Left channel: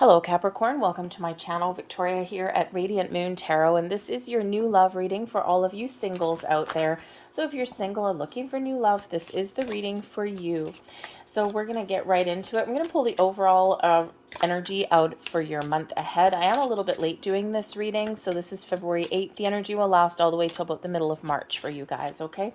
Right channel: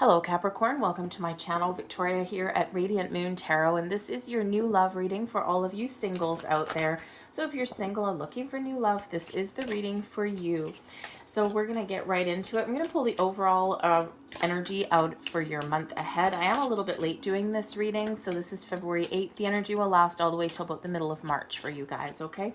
Hello Capricorn, welcome to my channel. Victoria here at Radiant Moon Tarot, and this is your new love reading for all of you singles out there. So if you're single and looking for new love, this is the reading for you. So we're going to get right into it. I'm going to pull the overall energy out for your month ahead. I am a little bit late doing this reading, so this is February 8th. The energy will last all the way till about the middle of March for you guys, okay?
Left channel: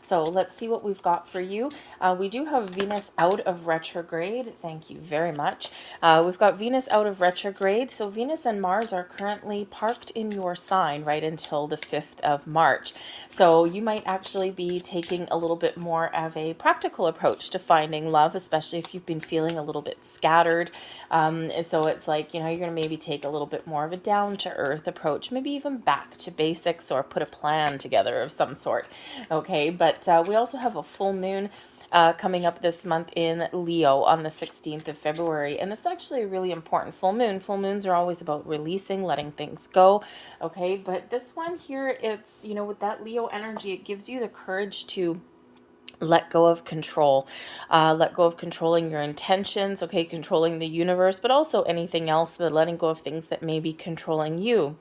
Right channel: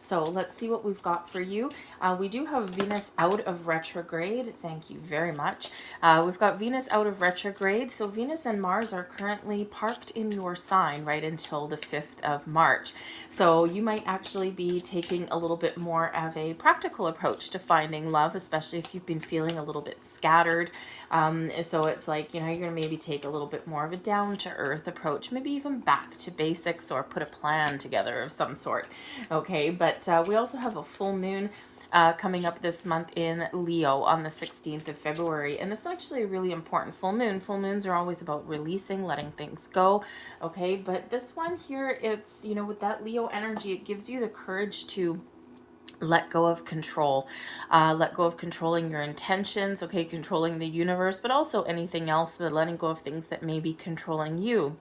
So let's see what we've got for you. We do have Venus out of retrograde. Thank you very much. We've got Venus out of retrograde. So Venus and Mars are currently parked in your sign right until the 5th of March. So you might actually be taking a little bit more of a practical approach to finding love, especially if you've been feeling a little bit scattered. So it's like, you know, you're going to maybe take a little bit more of a down-to-earth approach, maybe even back to basics or put a plan together of some sort. Okay, but we also have a full moon coming up this month in Leo on the 16th of February. And this is actually a really important full moon. Full moons are always about releasing, letting things go. Okay, but this one here, it's, you know, with that Leo energy, it gives you the courage to let go of control, let go of controlling your intentions, okay, controlling the universe, but also anything else, the letting go of things that may be controlling you.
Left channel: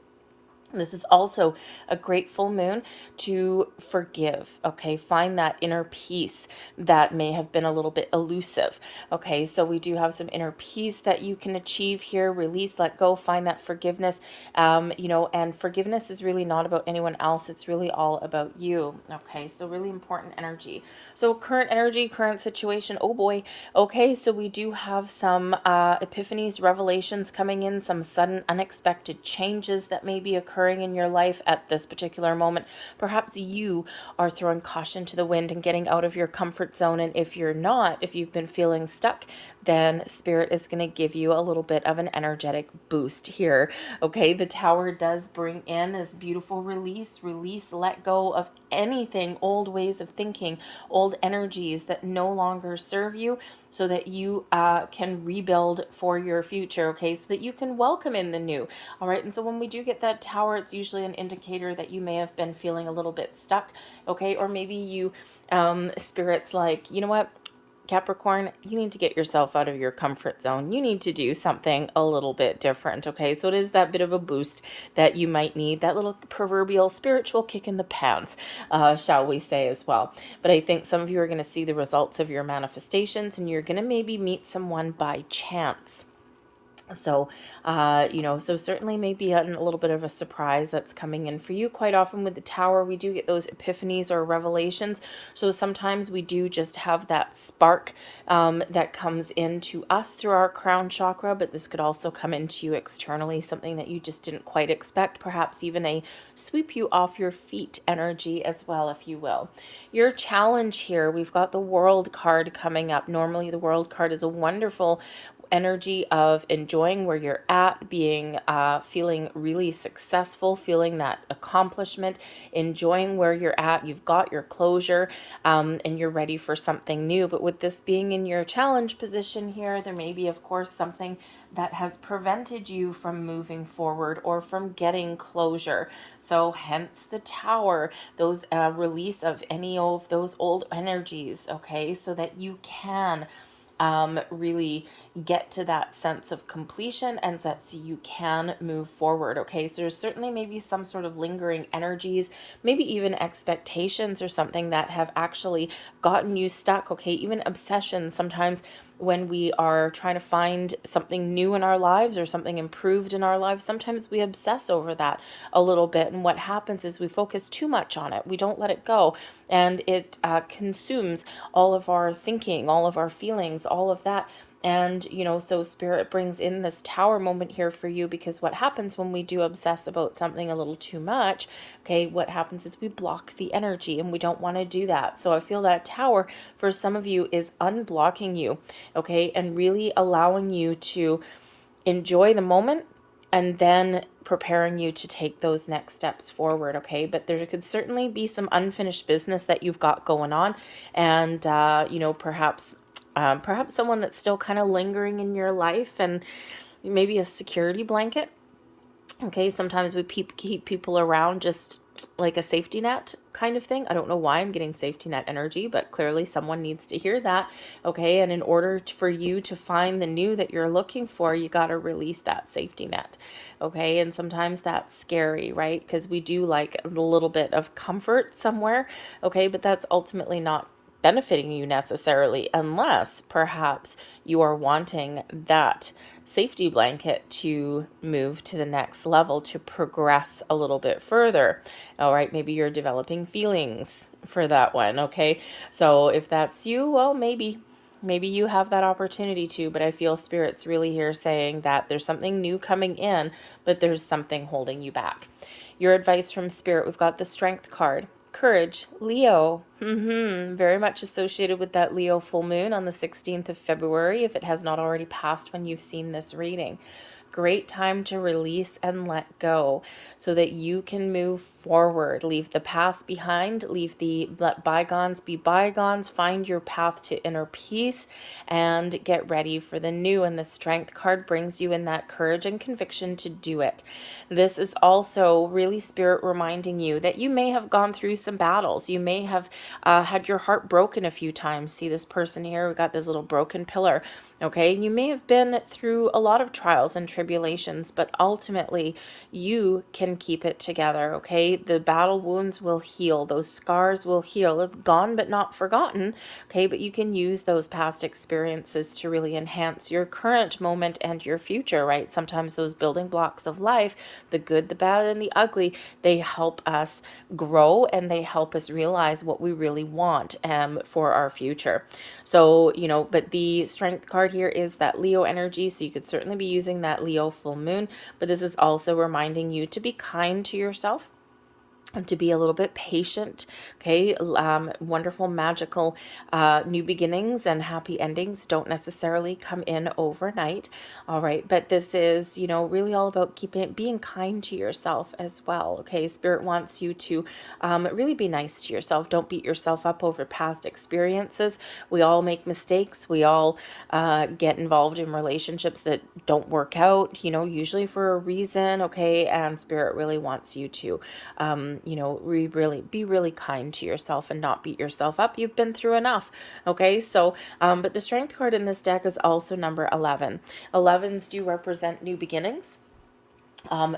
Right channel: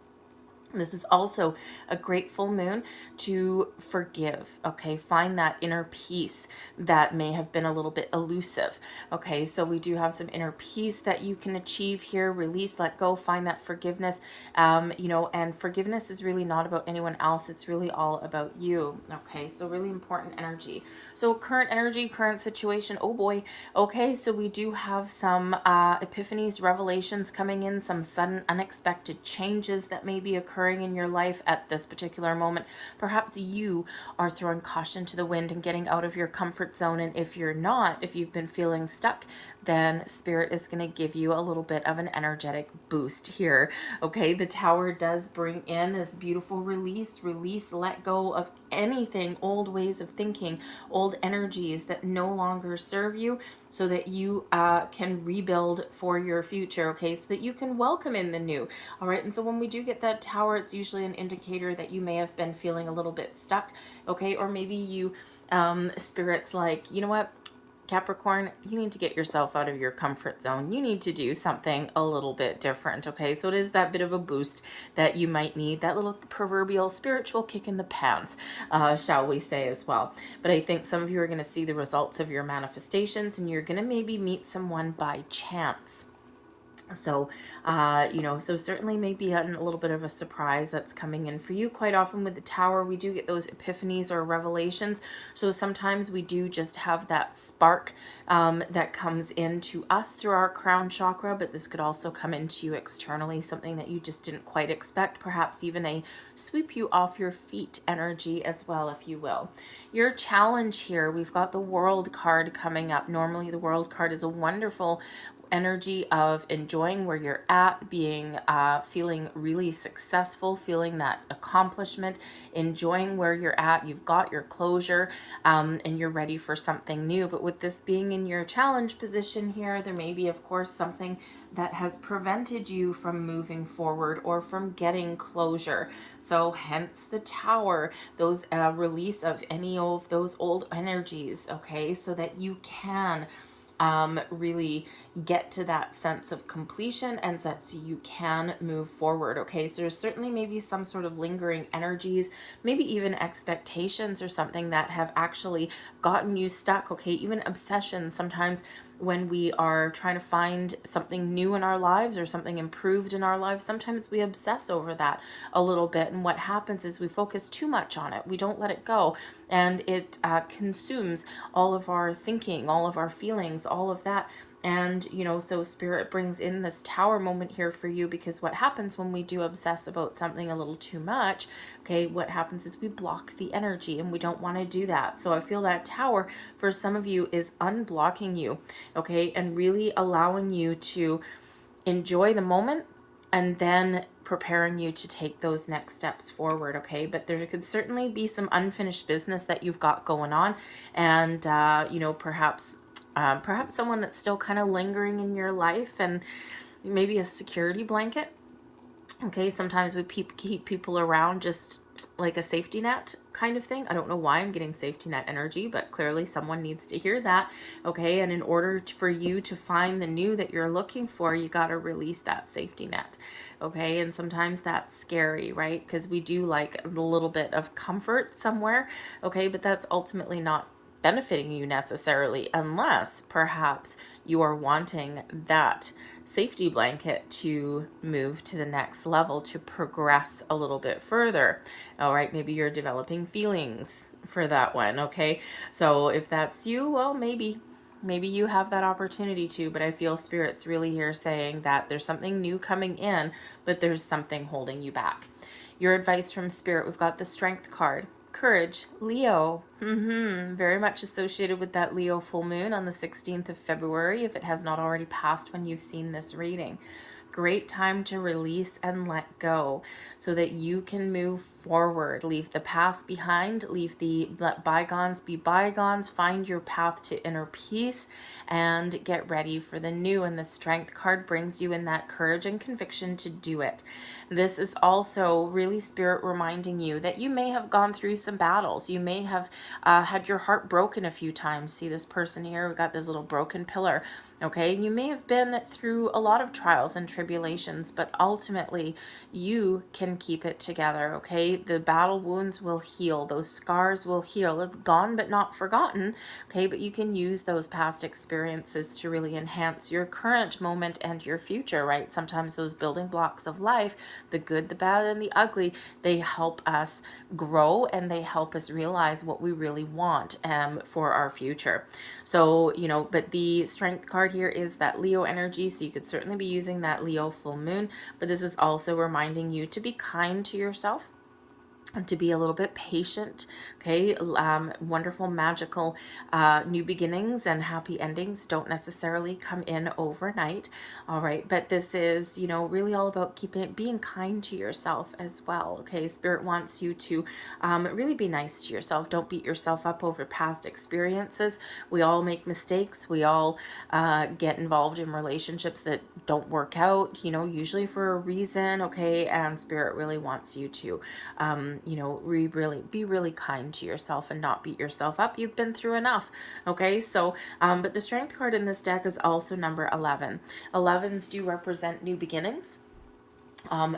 This is also a great full moon to forgive, okay? Find that inner peace that may have been a little bit elusive, okay? So we do have some inner peace that you can achieve here. Release, let go, find that forgiveness, you know, and forgiveness is really not about anyone else. It's really all about you, okay? So really important energy. So current energy, current situation, oh boy, okay? So we do have some epiphanies, revelations coming in, some sudden unexpected changes that may be occurring in your life at this particular moment. Perhaps you are throwing caution to the wind and getting out of your comfort zone. And if you're not, if you've been feeling stuck, then Spirit is going to give you a little bit of an energetic boost here. Okay, the Tower does bring in this beautiful release, let go of anything, old ways of thinking, old energies that no longer serve you, so that you can rebuild for your future, okay, so that you can welcome in the new. All right, and so when we do get that Tower, it's usually an indicator that you may have been feeling a little bit stuck, okay, or maybe you, Spirit's like, you know what, Capricorn, you need to get yourself out of your comfort zone. You need to do something a little bit different, okay? So it is that bit of a boost that you might need, that little proverbial spiritual kick in the pants, shall we say, as well. But I think some of you are going to see the results of your manifestations, and you're going to maybe meet someone by chance. So, you know, so certainly maybe a little bit of a surprise that's coming in for you. Quite often with the Tower, we do get those epiphanies or revelations. So sometimes we do just have that spark that comes into us through our crown chakra, but this could also come into you externally, something that you just didn't quite expect, perhaps even a sweep you off your feet energy as well, if you will. Your challenge here, we've got the World card coming up. Normally the World card is a wonderful energy of enjoying where you're at, being feeling really successful, feeling that accomplishment, enjoying where you're at. You've got your closure, and you're ready for something new. But with this being in your challenge position here, there may be, of course, something that has prevented you from moving forward or from getting closure. So hence the Tower, those release of any of those old energies, okay, so that you can really get to that sense of completion, and so you can move forward, okay? So there's certainly maybe some sort of lingering energies, maybe even expectations or something that have actually gotten you stuck, okay? Even obsessions. Sometimes when we are trying to find something new in our lives or something improved in our lives, sometimes we obsess over that a little bit, and what happens is we focus too much on it. We don't let it go, and it consumes all of our thinking, all of our feelings, all of that. And, you know, so Spirit brings in this Tower moment here for you, because what happens when we do obsess about something a little too much, okay, what happens is we block the energy, and we don't want to do that. So I feel that Tower for some of you is unblocking you, okay, and really allowing you to enjoy the moment, and then preparing you to take those next steps forward, okay? But there could certainly be some unfinished business that you've got going on, and, you know, perhaps someone that's still kind of lingering in your life, and maybe a security blanket. Okay, sometimes we keep people around just like a safety net kind of thing. I don't know why I'm getting safety net energy, but clearly someone needs to hear that. Okay. And in order for you to find the new that you're looking for, you got to release that safety net. Okay. And sometimes that's scary, right? Because we do like a little bit of comfort somewhere. Okay. But that's ultimately not benefiting you necessarily, unless perhaps you are wanting that safety blanket to move to the next level, to progress a little bit further. All right, maybe you're developing feelings for that one. Okay, so if that's you, well, maybe you have that opportunity to, but I feel Spirit's really here saying that there's something new coming in, but there's something holding you back. Your advice from Spirit, we've got the Strength card. Courage, Leo, very much associated with that Leo full moon on the 16th of February, if it has not already passed when you've seen this reading. Great time to release and let go so that you can move forward. Leave the past behind, let bygones be bygones, find your path to inner peace, and get ready for the new. And the Strength card brings you in that courage and conviction to do it. This is also really Spirit reminding you that you may have gone through some battles. You may have had your heart broken a few times. See this person here? We got this little broken pillar. Okay, you may have been through a lot of trials and tribulations, but ultimately you can keep it together. Okay, the battle wounds will heal. Those scars will heal. Gone but not forgotten. Okay, but you can use those past experiences to really enhance your current moment and your future, right? Sometimes those building blocks of life, the good, the bad, and the ugly, they help us grow and they help us realize what we really want for our future. So, but the Strength card here is that Leo energy, so you could certainly be using that Leo full moon, but this is also reminding you to be kind to yourself and to be a little bit patient. Okay, wonderful, magical new beginnings and happy endings don't necessarily come in overnight. All right, but this is, really all about being kind to yourself as well. Okay, Spirit wants you to really be nice to yourself. Don't beat yourself up over past experiences. We all make mistakes. We all get involved in relationships that don't work out, usually for a reason. Okay, and Spirit really wants you to be really kind to yourself and not beat yourself up. You've been through enough. Okay, so but the Strength card in this deck is also number 11. 11s do represent new beginnings,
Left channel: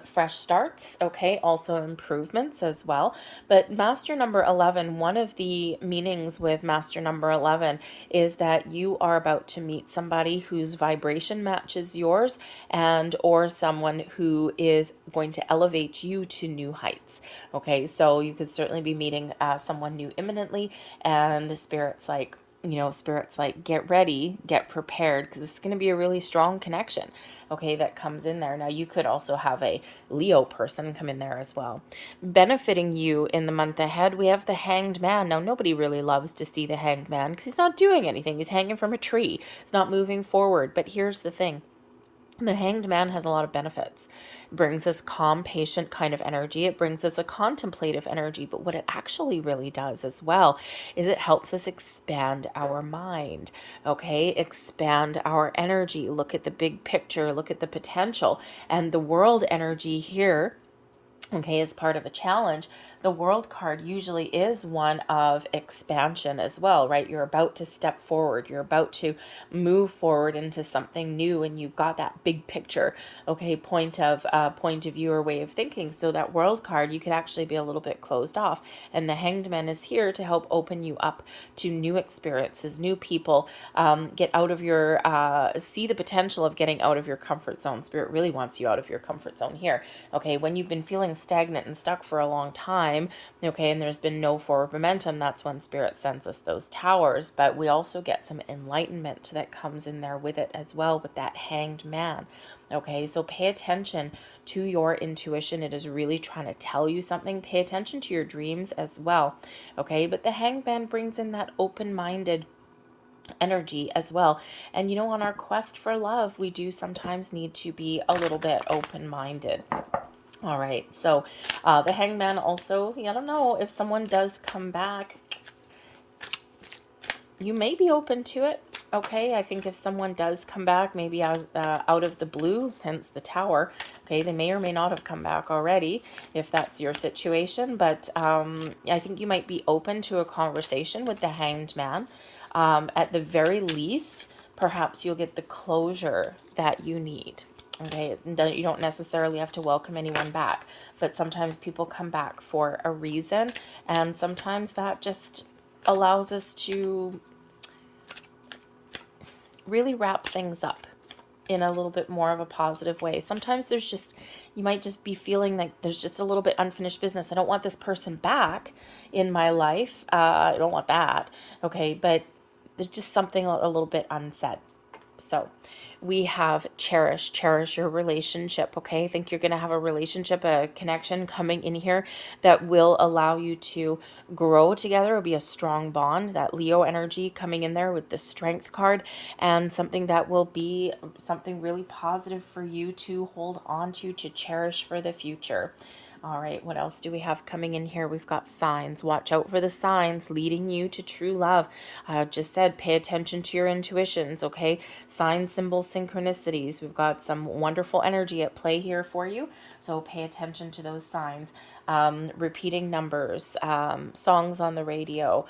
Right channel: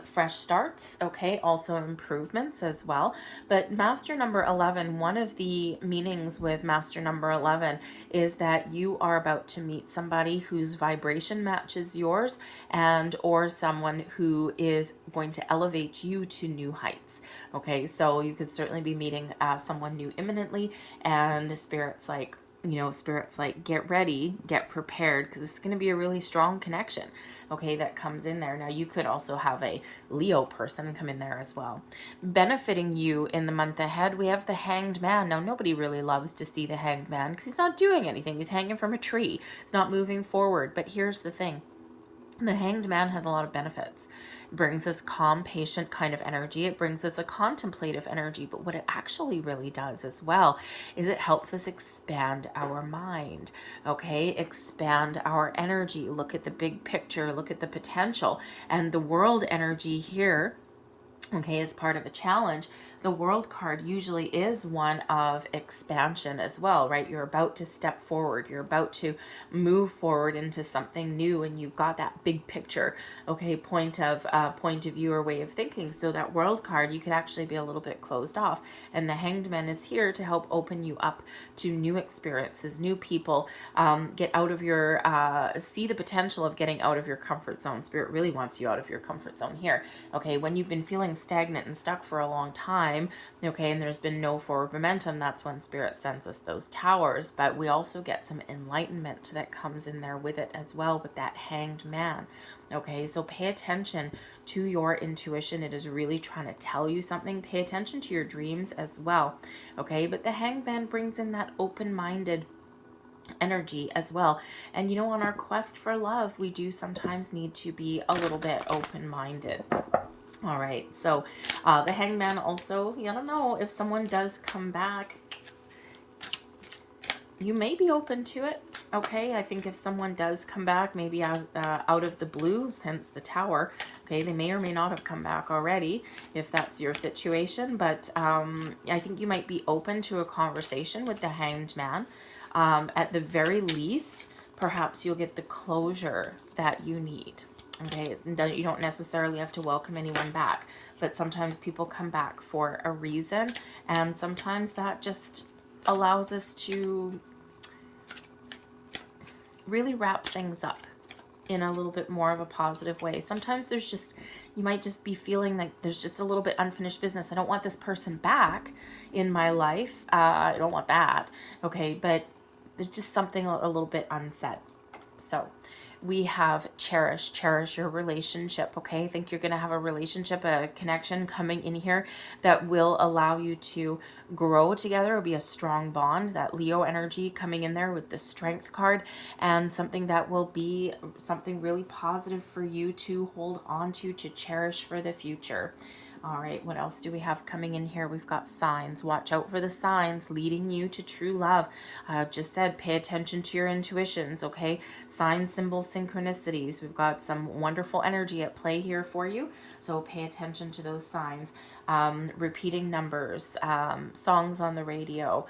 fresh starts, okay, also improvements as well. But master number 11, one of the meanings with master number 11 is that you are about to meet somebody whose vibration matches yours, and or someone who is going to elevate you to new heights. Okay, so you could certainly be meeting someone new imminently, and Spirit's like, get ready, get prepared, because it's going to be a really strong connection, okay, that comes in there. Now, you could also have a Leo person come in there as well. Benefiting you in the month ahead, we have the Hanged Man. Now, nobody really loves to see the Hanged Man because he's not doing anything. He's hanging from a tree. He's not moving forward. But here's the thing. The Hanged Man has a lot of benefits. It brings us calm, patient kind of energy. It brings us a contemplative energy. But what it actually really does as well is it helps us expand our mind, okay? Expand our energy. Look at the big picture. Look at the potential. And the World energy here, okay, is part of a challenge. The World card usually is one of expansion as well, right? You're about to step forward. You're about to move forward into something new, and you've got that big picture, okay, point of view or way of thinking. So that World card, you could actually be a little bit closed off. And the Hanged Man is here to help open you up to new experiences, new people, get out of your, see the potential of getting out of your comfort zone. Spirit really wants you out of your comfort zone here, okay? When you've been feeling stagnant and stuck for a long time, okay, and there's been no forward momentum, that's when Spirit sends us those towers. But we also get some enlightenment that comes in there with it as well, with that Hanged Man. Okay, so pay attention to your intuition. It is really trying to tell you something. Pay attention to your dreams as well. Okay, but the Hanged Man brings in that open-minded energy as well. And on our quest for love, we do sometimes need to be a little bit open-minded. All right, so the Hanged Man also, I don't know, if someone does come back, you may be open to it, Okay, I think if someone does come back, maybe out of the blue, hence the Tower, okay, they may or may not have come back already, if that's your situation, but I think you might be open to a conversation with the Hanged Man. At the very least, perhaps you'll get the closure that you need. Okay, you don't necessarily have to welcome anyone back, but sometimes people come back for a reason, and sometimes that just allows us to really wrap things up in a little bit more of a positive way. Sometimes there's just, you might just be feeling like there's just a little bit unfinished business. I don't want this person back in my life. I don't want that. Okay, but there's just something a little bit unsaid. So we have cherish your relationship. Okay, I think you're going to have a relationship, a connection coming in here that will allow you to grow together. It'll be a strong bond, that Leo energy coming in there with the Strength card, and something that will be something really positive for you to hold on to cherish for the future. All right, what else do we have coming in here? We've got signs. Watch out for the signs leading you to true love. I just said pay attention to your intuitions, okay? Signs, symbols, synchronicities. We've got some wonderful energy at play here for you, so pay attention to those signs. Repeating numbers, songs on the radio,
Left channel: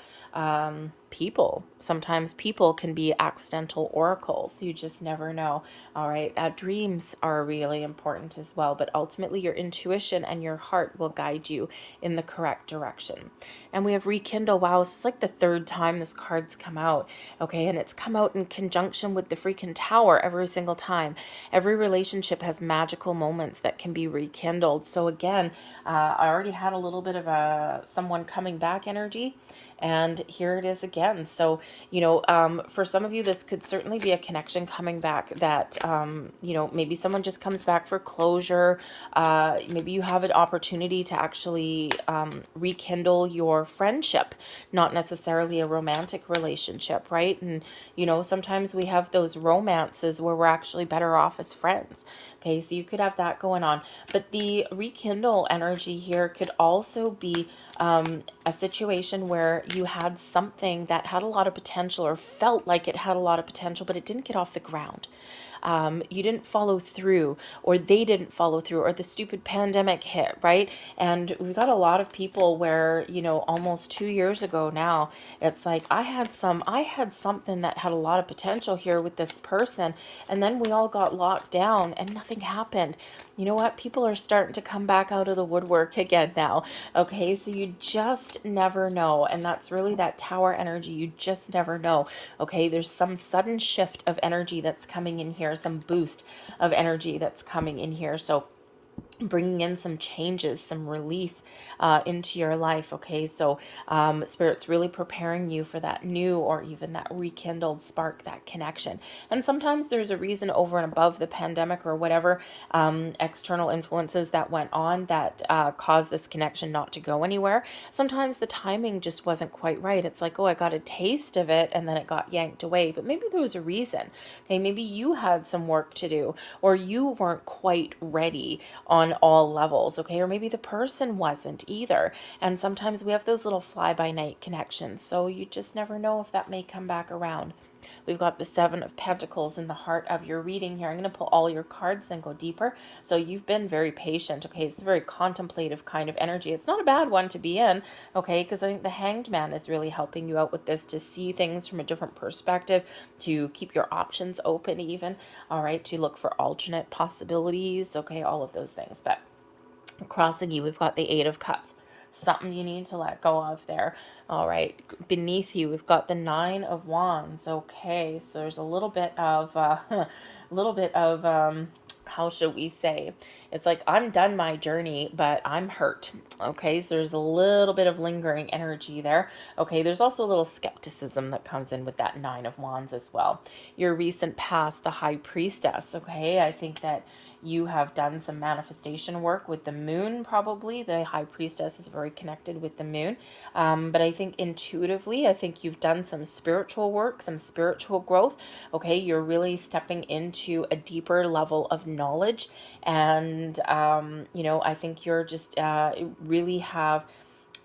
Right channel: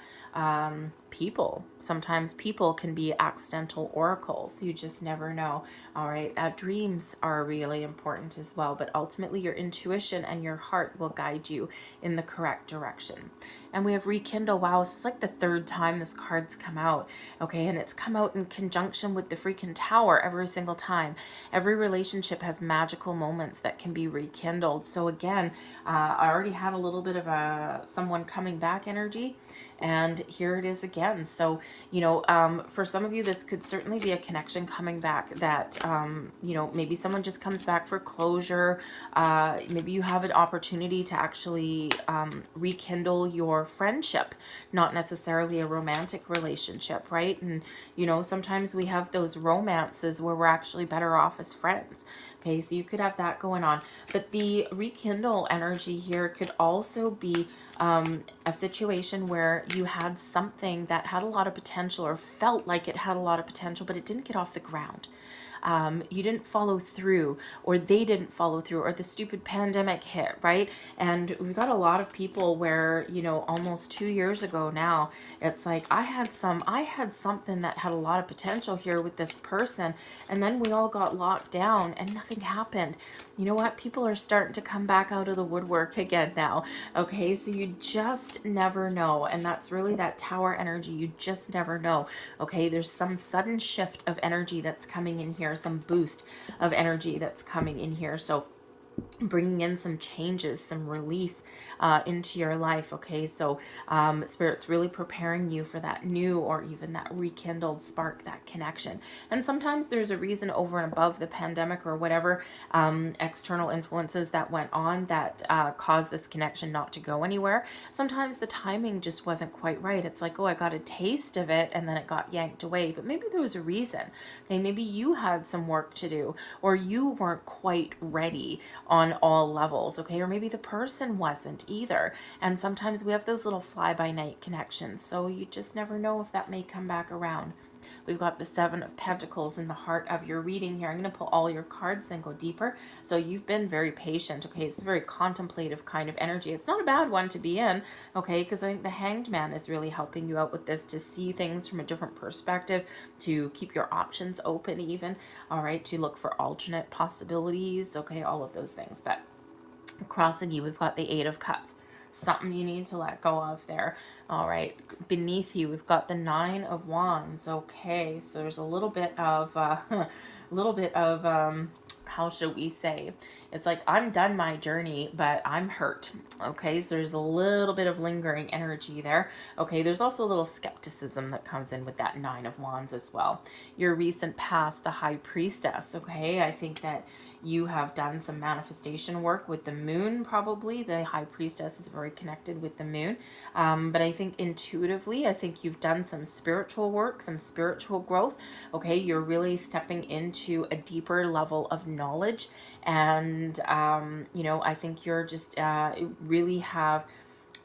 people. Sometimes people can be accidental oracles. You just never know. All right. Dreams are really important as well, but ultimately your intuition and your heart will guide you in the correct direction. And we have rekindle. Wow, it's like the third time this card's come out. Okay. And it's come out in conjunction with the freaking Tower every single time. Every relationship has magical moments that can be rekindled. So again, I already had a little bit of someone coming back energy, and here it is again. So, you know, for some of you, this could certainly be a connection coming back that, you know, maybe someone just comes back for closure. Maybe you have an opportunity to actually rekindle your friendship, not necessarily a romantic relationship, right? And, you know, sometimes we have those romances where we're actually better off as friends. Okay, so you could have that going on. But the rekindle energy here could also be a situation where you had something that had a lot of potential, or felt like it had a lot of potential, but it didn't get off the ground. You didn't follow through, or they didn't follow through, or the stupid pandemic hit, right? And we've got a lot of people where, you know, almost 2 years ago now, it's like, I had something that had a lot of potential here with this person, and then we all got locked down and nothing happened. You know what? People are starting to come back out of the woodwork again now. Okay, so you just never know. And that's really that Tower energy. You just never know. Okay, there's some sudden shift of energy that's coming in here, some boost of energy that's coming in here. So bringing in some changes, some release into your life. Okay, so Spirit's really preparing you for that new, or even that rekindled spark, that connection. And sometimes there's a reason over and above the pandemic or whatever external influences that went on that caused this connection not to go anywhere. Sometimes the timing just wasn't quite right. It's like, oh, I got a taste of it and then it got yanked away, but maybe there was a reason. Okay, maybe you had some work to do, or you weren't quite ready on all levels. Okay, or maybe the person wasn't either. And sometimes we have those little fly-by-night connections, so you just never know if that may come back around. We've got the Seven of Pentacles in the heart of your reading here. I'm going to pull all your cards, then go deeper. So you've been very patient, okay? It's a very contemplative kind of energy. It's not a bad one to be in, okay? Because I think the Hanged Man is really helping you out with this, to see things from a different perspective, to keep your options open even, all right? To look for alternate possibilities, okay? All of those things. But crossing you, we've got the Eight of Cups. Something you need to let go of there. All right, beneath you, we've got the Nine of Wands. Okay, so there's a little bit of, how should we say? It's like, I'm done my journey, but I'm hurt. Okay, so there's a little bit of lingering energy there. Okay, there's also a little skepticism that comes in with that Nine of Wands as well. Your recent past, the High Priestess. Okay, I think that you have done some manifestation work with the moon, probably. The High Priestess is very connected with the moon. But I think intuitively, I think you've done some spiritual work, some spiritual growth. Okay, you're really stepping into a deeper level of knowledge. And, you know, I think you're just really have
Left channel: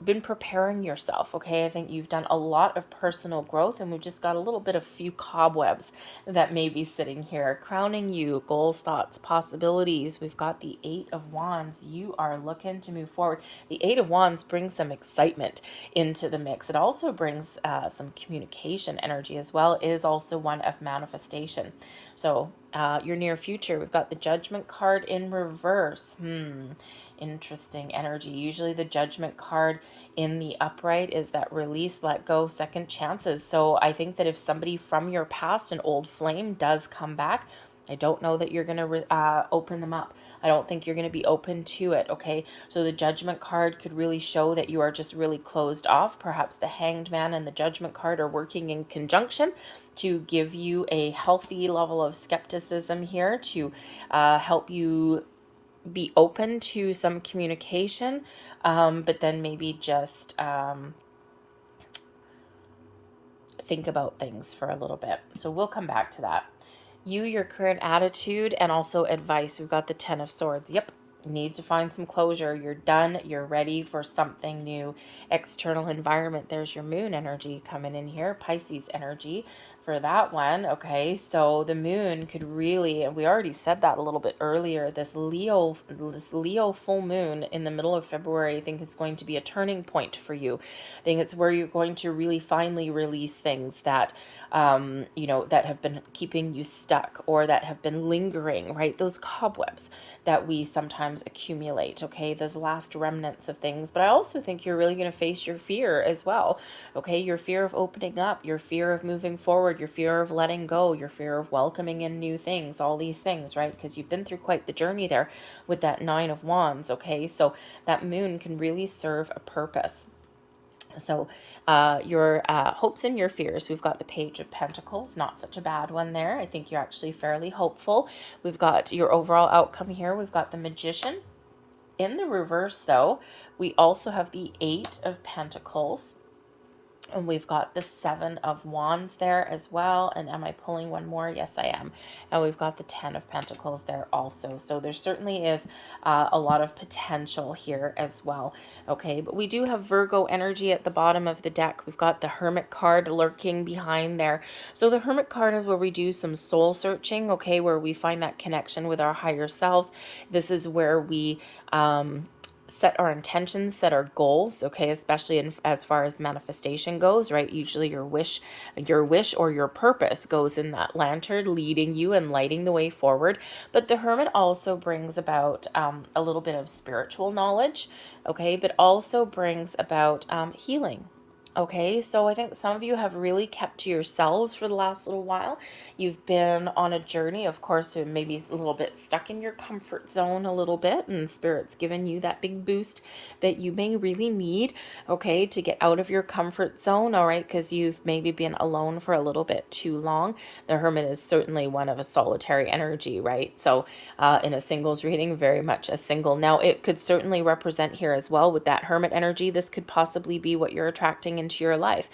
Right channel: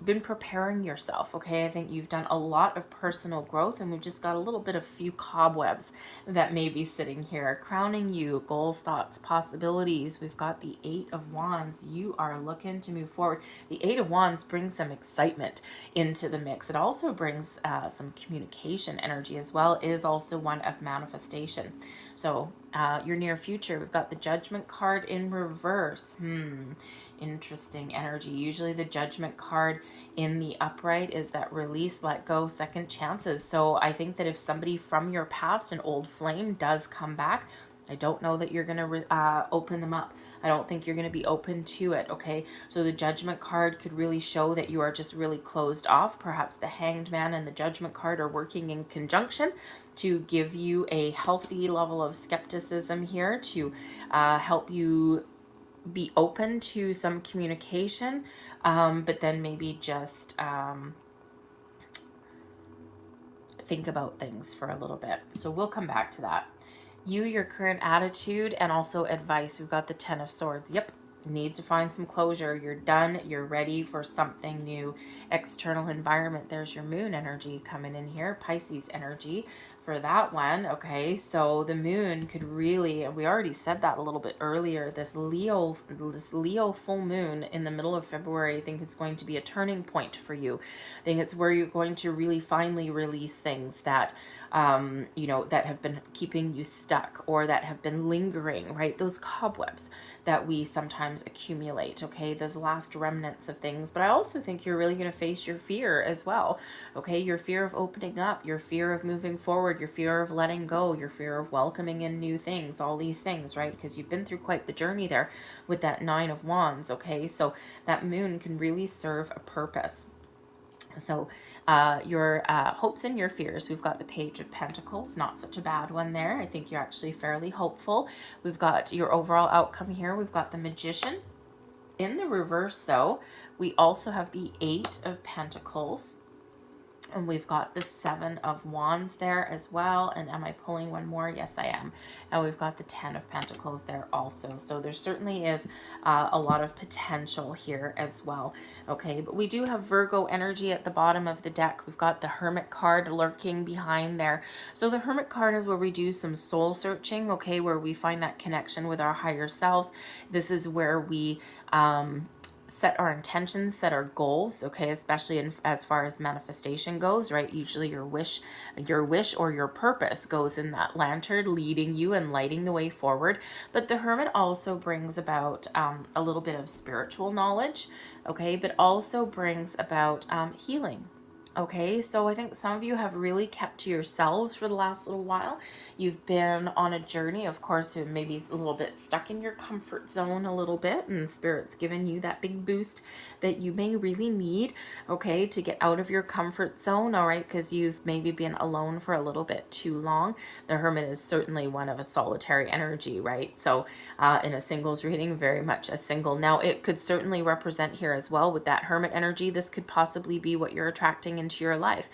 been preparing yourself, okay? I think you've done a lot of personal growth, and we've just got a little bit of few cobwebs that may be sitting here, crowning you, goals, thoughts, possibilities. We've got the Eight of Wands. You are looking to move forward. The Eight of Wands brings some excitement into the mix. It also brings some communication energy as well. It is also one of manifestation. So your near future, we've got the Judgment card in reverse. Interesting energy. Usually the Judgment card in the upright is that release, let go, second chances. So I think that if somebody from your past, an old flame, does come back, I don't know that you're going to open them up. I don't think you're going to be open to it, okay? So the Judgment card could really show that you are just really closed off. Perhaps the Hanged Man and the Judgment card are working in conjunction to give you a healthy level of skepticism here, to help you be open to some communication, but then maybe just think about things for a little bit. So we'll come back to that. You, your current attitude, and also advice. We've got the Ten of Swords. Yep. Need to find some closure. You're done. You're ready for something new. External environment. There's your moon energy coming in here. Pisces energy for that one. Okay, so the moon could really, and we already said that a little bit earlier, this Leo full moon in the middle of February, I think it's going to be a turning point for you. I think it's where you're going to really finally release things that you know, that have been keeping you stuck, or that have been lingering, right? Those cobwebs that we sometimes accumulate, okay? Those last remnants of things. But I also think you're really going to face your fear as well, okay? Your fear of opening up, your fear of moving forward, your fear of letting go, your fear of welcoming in new things, all these things, right? Because you've been through quite the journey there with that Nine of Wands, okay? So that moon can really serve a purpose. So your hopes and your fears, we've got the Page of Pentacles, not such a bad one there. I think you're actually fairly hopeful. We've got your overall outcome here. We've got the Magician. In the reverse, though, we also have the Eight of Pentacles. And we've got the Seven of Wands there as well. And am I pulling one more? Yes, I am. And we've got the Ten of Pentacles there also. So there certainly is a lot of potential here as well. Okay, but we do have Virgo energy at the bottom of the deck. We've got the Hermit card lurking behind there. So the Hermit card is where we do some soul searching, okay, where we find that connection with our higher selves. This is where we set our intentions, set our goals, okay, especially as far as manifestation goes, right? Usually your wish or your purpose goes in that lantern, leading you and lighting the way forward. But the Hermit also brings about a little bit of spiritual knowledge, okay, but also brings about healing. Okay, so I think some of you have really kept to yourselves for the last little while. You've been on a journey, of course, and maybe a little bit stuck in your comfort zone a little bit, and Spirit's given you that big boost that you may really need, okay, to get out of your comfort zone, all right, because you've maybe been alone for a little bit too long. The Hermit is certainly one of a solitary energy, right? So in a singles reading, very much a single. Now, it could certainly represent here as well with that Hermit energy. This could possibly be what you're attracting into your life.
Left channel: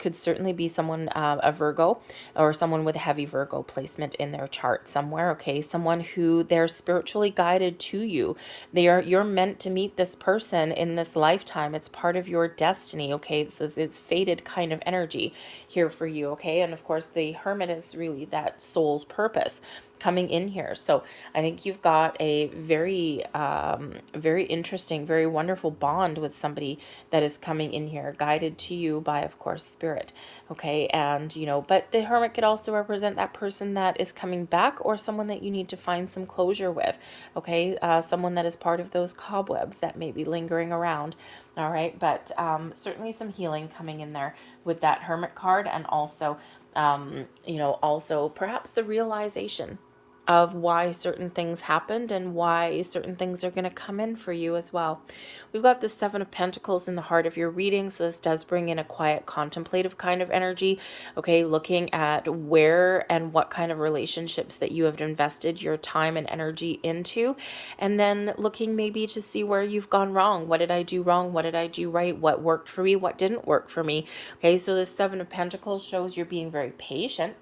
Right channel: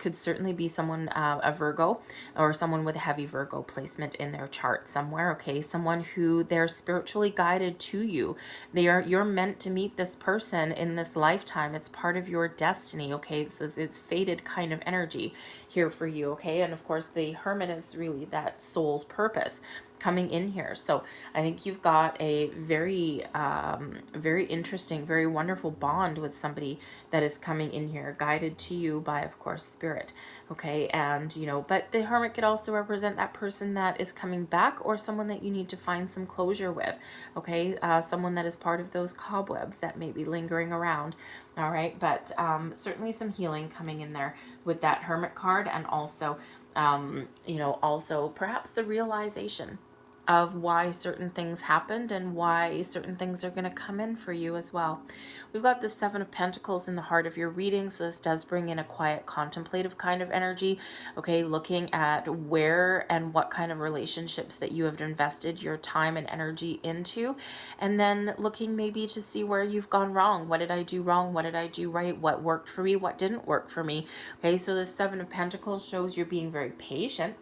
Could certainly be someone, a Virgo, or someone with a heavy Virgo placement in their chart somewhere, okay? Someone who they're spiritually guided to you. You're meant to meet this person in this lifetime. It's part of your destiny, okay? So it's fated kind of energy here for you, okay? And of course, the Hermit is really that soul's purpose coming in here. So I think you've got a very, very interesting, very wonderful bond with somebody that is coming in here, guided to you by, of course, Spirit. Okay. And, you know, but the Hermit could also represent that person that is coming back, or someone that you need to find some closure with. Okay. Someone that is part of those cobwebs that may be lingering around. All right. But certainly some healing coming in there with that Hermit card, and also, you know, also perhaps the realization of why certain things happened and why certain things are going to come in for you as well. We've got the Seven of Pentacles in the heart of your reading, so this does bring in a quiet, contemplative kind of energy, okay, looking at where and what kind of relationships that you have invested your time and energy into, and then looking maybe to see where you've gone wrong. What did I do wrong? What did I do right? What worked for me? What didn't work for me? Okay, so the Seven of Pentacles shows you're being very patient.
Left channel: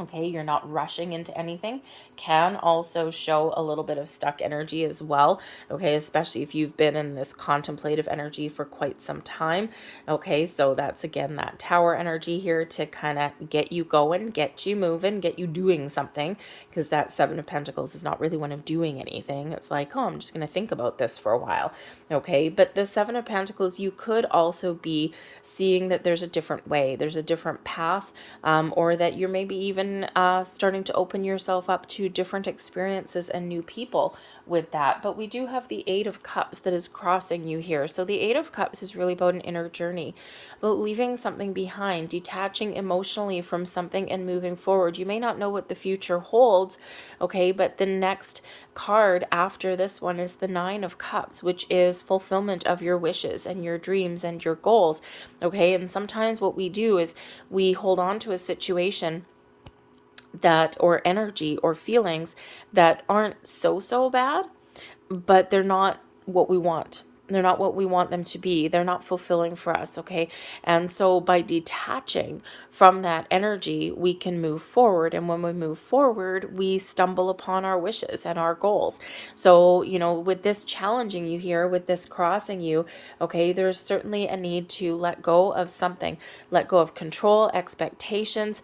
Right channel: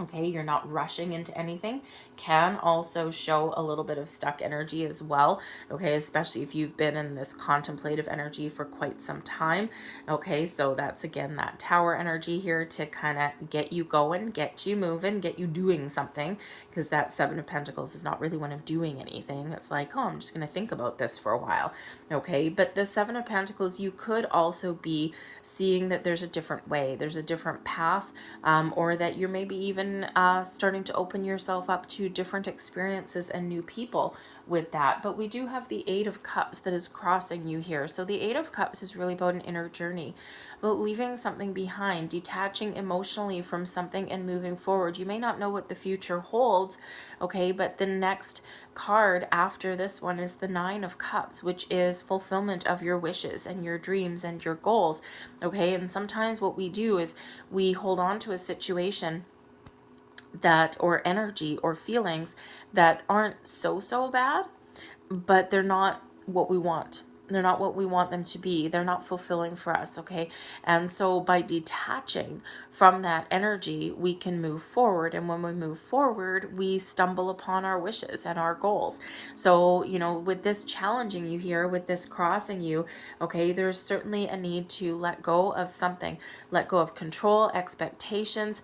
Okay, you're not rushing into anything. can also show a little bit of stuck energy as well, okay, especially if you've been in this contemplative energy for quite some time, okay? So that's, again, that Tower energy here to kind of get you going, get you moving, get you doing something, because that Seven of Pentacles is not really one of doing anything. It's like, oh, I'm just going to think about this for a while, okay? But the Seven of Pentacles, you could also be seeing that there's a different way, there's a different path, or that you're maybe even starting to open yourself up to different experiences and new people with that. But we do have the Eight of Cups that is crossing you here. So the Eight of Cups is really about an inner journey, about leaving something behind, detaching emotionally from something and moving forward. You may not know what the future holds, okay, but the next card after this one is the Nine of Cups, which is fulfillment of your wishes and your dreams and your goals, okay? And sometimes what we do is we hold on to a situation that, or energy or feelings that aren't so bad, but they're not what we want. They're not what we want them to be. They're not fulfilling for us, okay? And so by detaching from that energy, we can move forward. And when we move forward, we stumble upon our wishes and our goals. So, you know, with this challenging you here, with this crossing you, okay, there's certainly a need to let go of something. Let go of control, expectations,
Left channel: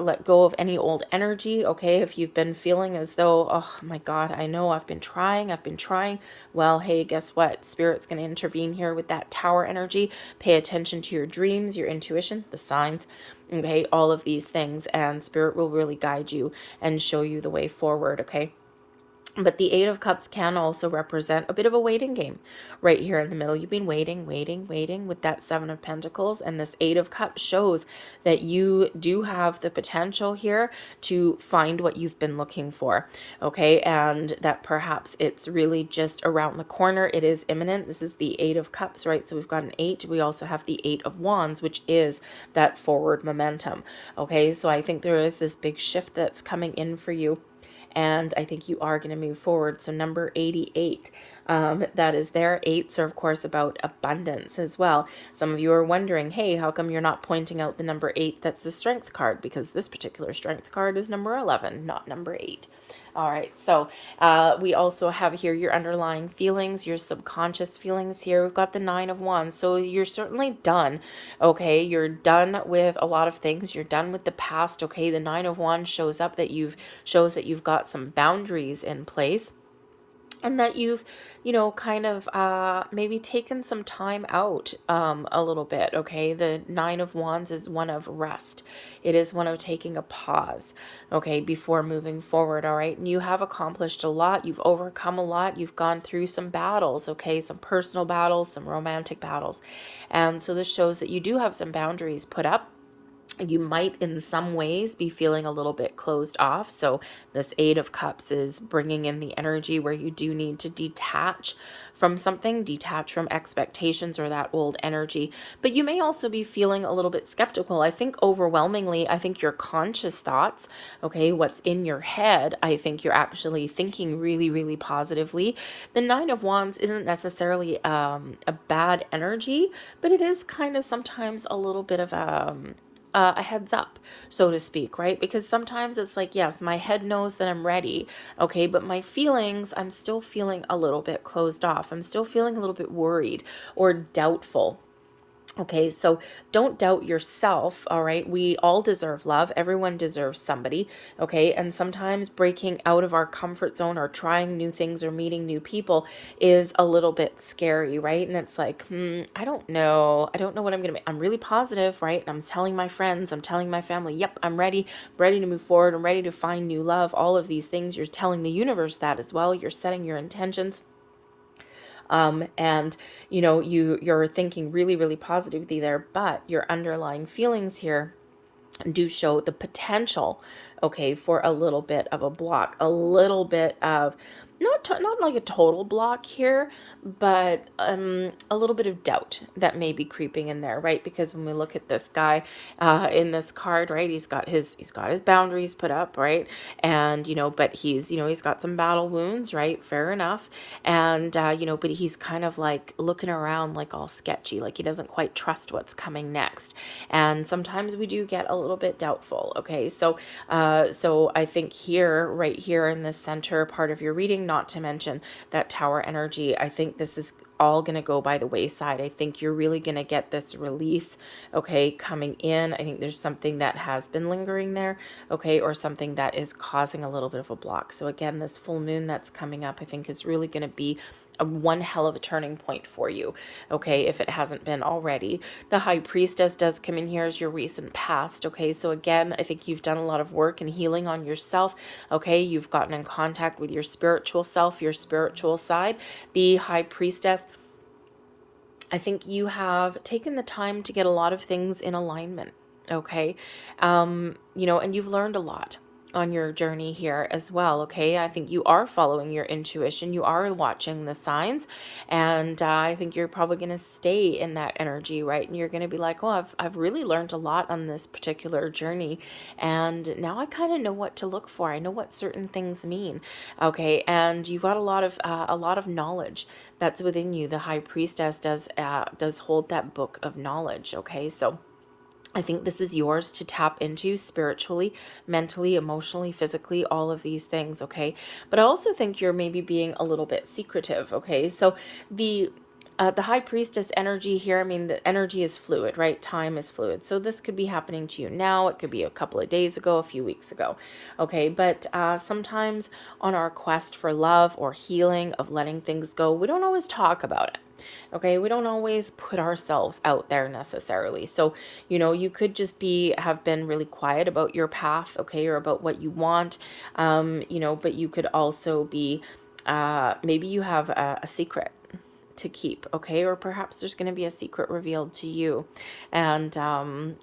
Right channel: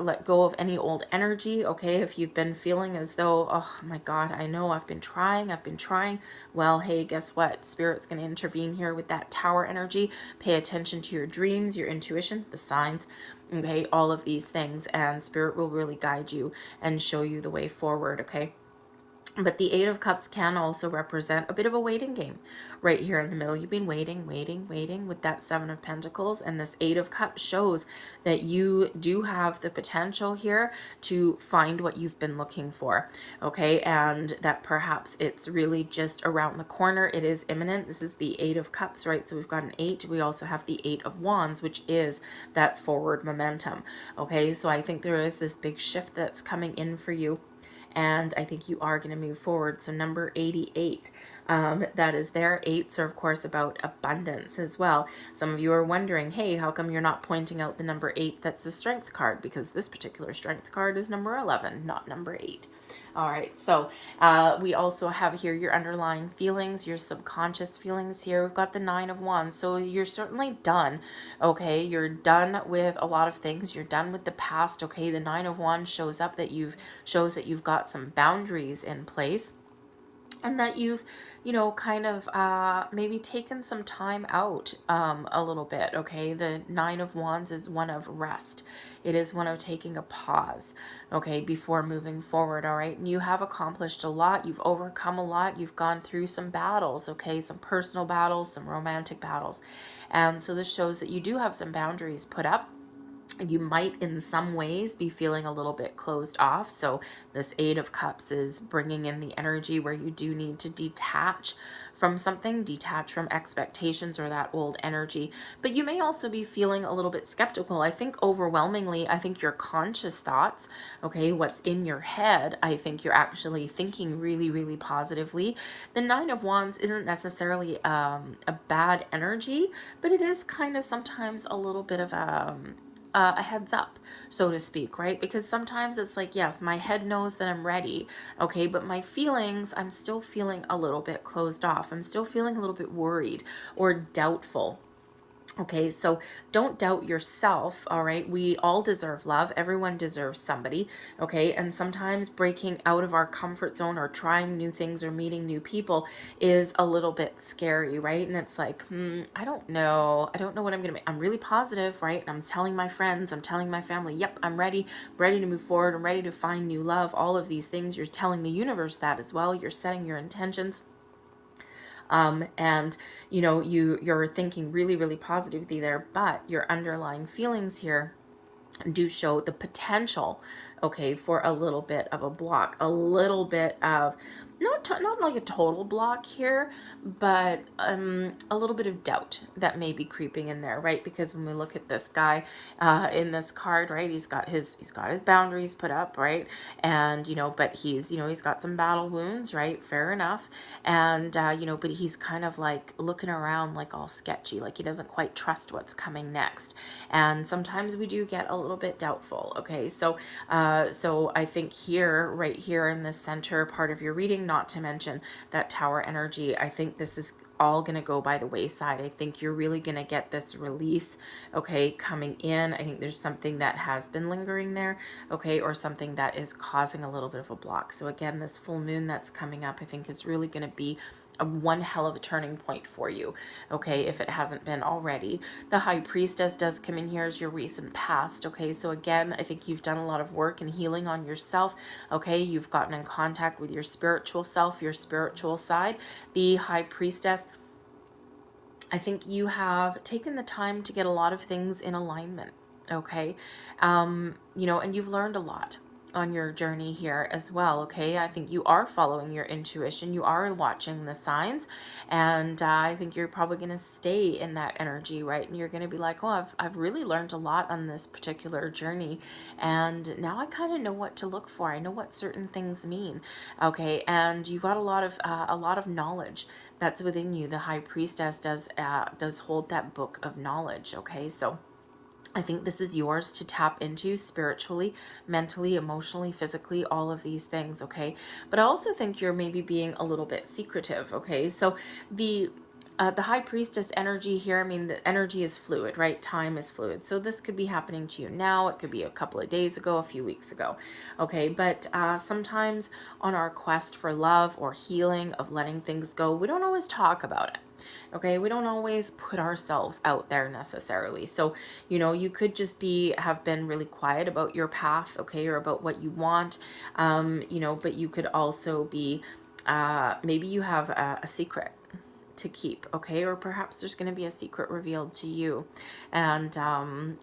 let go of any old energy, okay? If you've been feeling as though, oh my God, I know I've been trying, well, hey, guess what? Spirit's going to intervene here with that Tower energy. Pay attention to your dreams, your intuition, the signs, okay? All of these things, and Spirit will really guide you and show you the way forward, okay? But the Eight of Cups can also represent a bit of a waiting game right here in the middle. You've been waiting with that Seven of Pentacles, and this Eight of Cups shows that you do have the potential here to find what you've been looking for, okay? And that perhaps it's really just around the corner. It is imminent. This is the Eight of Cups, right? So we've got an 8. We also have the 8 of Wands, which is that forward momentum, okay? So I think there is this big shift that's coming in for you, and I think you are going to move forward. So number 88, that is there. 8s are, of course, about abundance as well. Some of you are wondering, hey, how come you're not pointing out the number 8 that's the Strength card? Because this particular Strength card is number 11, not number 8. All right, so we also have here your underlying feelings, your subconscious feelings here. We've got the 9 of Wands, so you're certainly done, okay? You're done with a lot of things. You're done with the past, okay? The 9 of Wands shows that you've got some boundaries in place, and that you've, you know, kind of maybe taken some time out a little bit, okay? The 9 of Wands is one of rest. It is one of taking a pause, okay, before moving forward, all right? And you have accomplished a lot. You've overcome a lot. You've gone through some battles, okay? Some personal battles, some romantic battles. And so this shows that you do have some boundaries put up. You might in some ways be feeling a little bit closed off. So this 8 of Cups is bringing in the energy where you do need to detach from something, detach from expectations or that old energy. But you may also be feeling a little bit skeptical. I think overwhelmingly, I think your conscious thoughts, okay, what's in your head, I think you're actually thinking really positively. The 9 of Wands isn't necessarily a bad energy, but it is kind of sometimes a little bit of a heads up, so to speak, right? Because sometimes it's like, yes, my head knows that I'm ready, okay, but my feelings, I'm still feeling a little bit closed off. I'm still feeling a little bit worried or doubtful. Okay, so don't doubt yourself, all right? We all deserve love. Everyone deserves somebody, okay? And sometimes breaking out of our comfort zone or trying new things or meeting new people is a little bit scary, right? And it's like, I don't know what I'm gonna be. I'm really positive, right? And I'm telling my friends, I'm telling my family, yep, I'm ready to move forward. I'm ready to find new love. All of these things, you're telling the universe that as well. You're setting your intentions. And you know, you're thinking really positively there, but your underlying feelings here do show the potential, okay, for a little bit of a block, a little bit of not like a total block here, but a little bit of doubt that may be creeping in there, right? Because when we look at this guy in this card, right, he's got his boundaries put up, right? And but he's got some battle wounds, right? Fair enough. And but he's kind of like looking around like all sketchy, like he doesn't quite trust what's coming next. And sometimes we do get a little bit doubtful. Okay, so I think here, right here in the center part of your reading, not to mention that Tower energy, I think this is all going to go by the wayside. I think you're really going to get this release, okay, coming in. I think there's something that has been lingering there, okay, or something that is causing a little bit of a block. So again, this full moon that's coming up, I think is really going to be one hell of a turning point for you, okay, if it hasn't been already. The High Priestess does come in here as your recent past, okay, so again, I think you've done a lot of work and healing on yourself, okay, you've gotten in contact with your spiritual self, your spiritual side. The High Priestess, I think you have taken the time to get a lot of things in alignment, okay, and you've learned a lot on your journey here as well, okay? I think you are following your intuition, you are watching the signs, and I think you're probably going to stay in that energy, right? And you're going to be like, oh, I've really learned a lot on this particular journey, and now I kind of know what to look for. I know what certain things mean, okay? And you've got a lot of knowledge that's within you. The High Priestess does hold that book of knowledge, okay? So I think this is yours to tap into spiritually, mentally, emotionally, physically, all of these things, okay? But I also think you're maybe being a little bit secretive, okay? So the High Priestess energy here, I mean, the energy is fluid, right? Time is fluid. So this could be happening to you now. It could be a couple of days ago, a few weeks ago, okay? But sometimes on our quest for love or healing, of letting things go, we don't always talk about it. Okay, we don't always put ourselves out there necessarily. So, you could just have been really quiet about your path, okay, or about what you want, but you could also be, maybe you have a secret to keep, okay, or perhaps there's going to be a secret revealed to you, and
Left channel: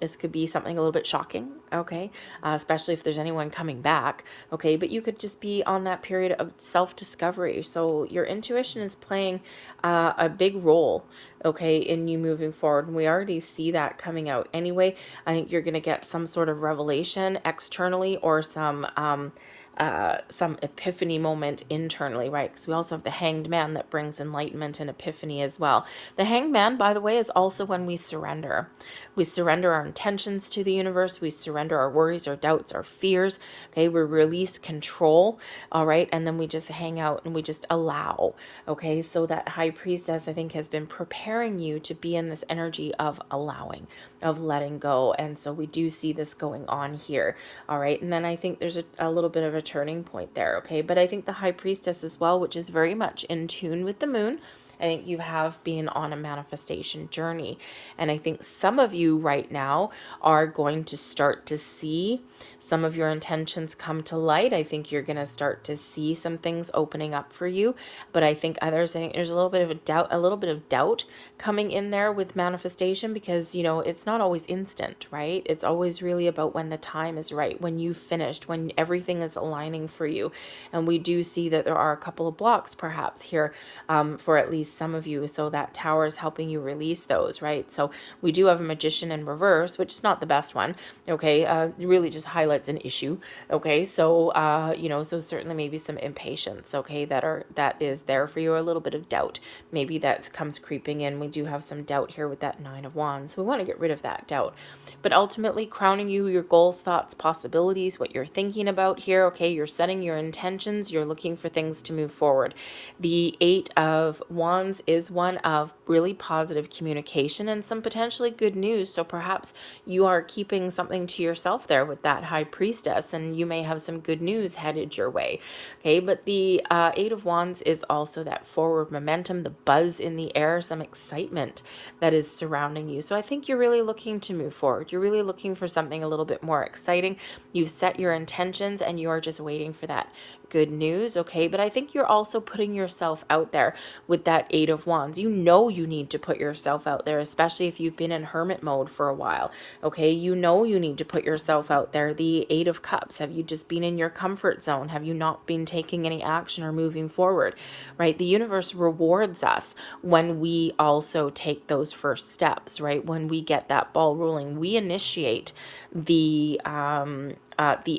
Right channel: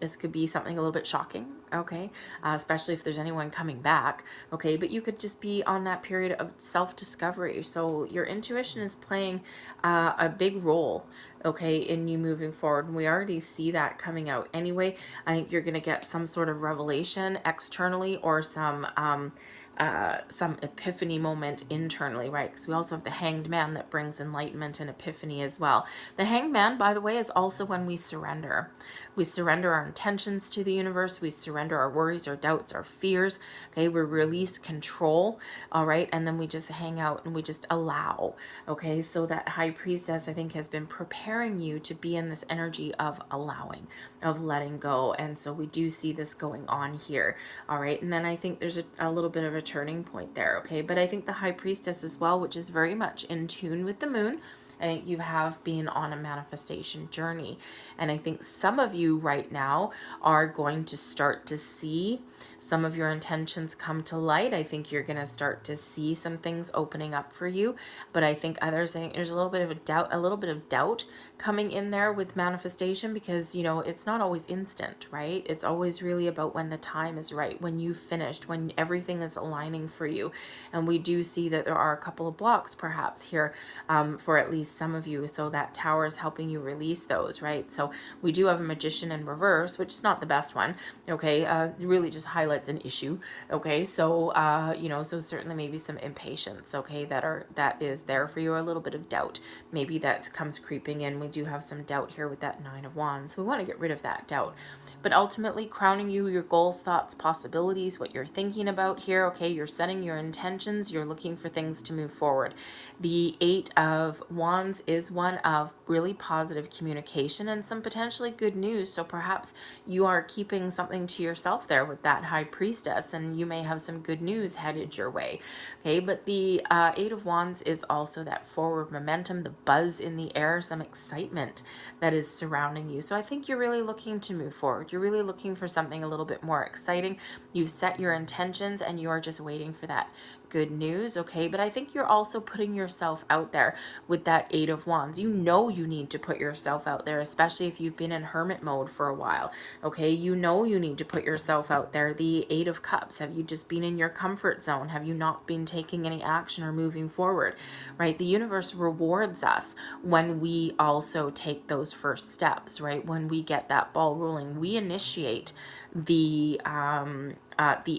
this could be something a little bit shocking, okay, especially if there's anyone coming back, okay, but you could just be on that period of self-discovery. So your intuition is playing a big role, okay, in you moving forward, and we already see that coming out anyway. I think you're going to get some sort of revelation externally, or some epiphany moment internally, right? Because we also have the Hanged Man that brings enlightenment and epiphany as well. The Hanged Man, by the way, is also when we surrender. We surrender our intentions to the universe. We surrender our worries, our doubts, our fears. Okay, we release control. All right, and then we just hang out and we just allow. Okay, so that High Priestess, I think, has been preparing you to be in this energy of allowing, of letting go. And so we do see this going on here. All right, and then I think there's a little bit of a turning point there. Okay, but I think the High Priestess as well, which is very much in tune with the moon, I think you have been on a manifestation journey. And I think some of you right now are going to start to see some of your intentions come to light. I think you're going to start to see some things opening up for you. But I think others, I think there's a little bit of doubt coming in there with manifestation, because, it's not always instant, right? It's always really about when the time is right, when you've finished, when everything is aligning for you. And we do see that there are a couple of blocks perhaps here for at least some of you. So that Tower is helping you release those, right? So we do have a Magician in reverse, which is not the best one, okay? It really just highlights an issue, okay? So, so certainly maybe some impatience, okay, that is there for you, or a little bit of doubt. Maybe that comes creeping in. We do have some doubt here with that Nine of Wands. We want to get rid of that doubt. But ultimately, crowning you, your goals, thoughts, possibilities, what you're thinking about here, okay? You're setting your intentions. You're looking for things to move forward. The Eight of Wands is one of really positive communication and some potentially good news. So perhaps you are keeping something to yourself there with that High Priestess, and you may have some good news headed your way. Okay, but the Eight of Wands is also that forward momentum, the buzz in the air, some excitement that is surrounding you. So I think you're really looking to move forward. You're really looking for something a little bit more exciting. You've set your intentions and you are just waiting for that good news, okay? But I think you're also putting yourself out there with that Eight of Wands. You know you need to put yourself out there, especially if you've been in hermit mode for a while, okay? You know you need to put yourself out there. The Eight of Cups, have you just been in your comfort zone? Have you not been taking any action or moving forward, right? The universe rewards us when we also take those first steps, right? When we get that ball rolling, we initiate the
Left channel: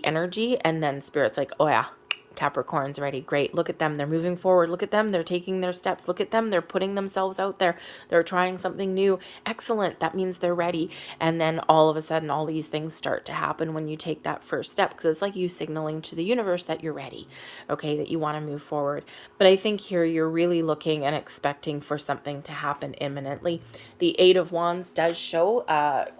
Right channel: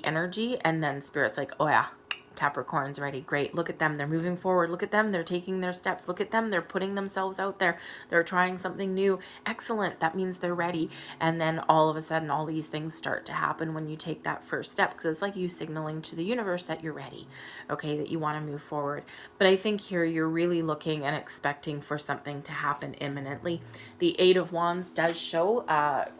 energy, and then Spirit's like, oh yeah, Capricorn's ready. Great. Look at them. They're moving forward. Look at them. They're taking their steps. Look at them. They're putting themselves out there. They're trying something new. Excellent. That means they're ready. And then all of a sudden, all these things start to happen when you take that first step, because it's like you signaling to the universe that you're ready, okay, that you want to move forward. But I think here you're really looking and expecting for something to happen imminently. The Eight of Wands does show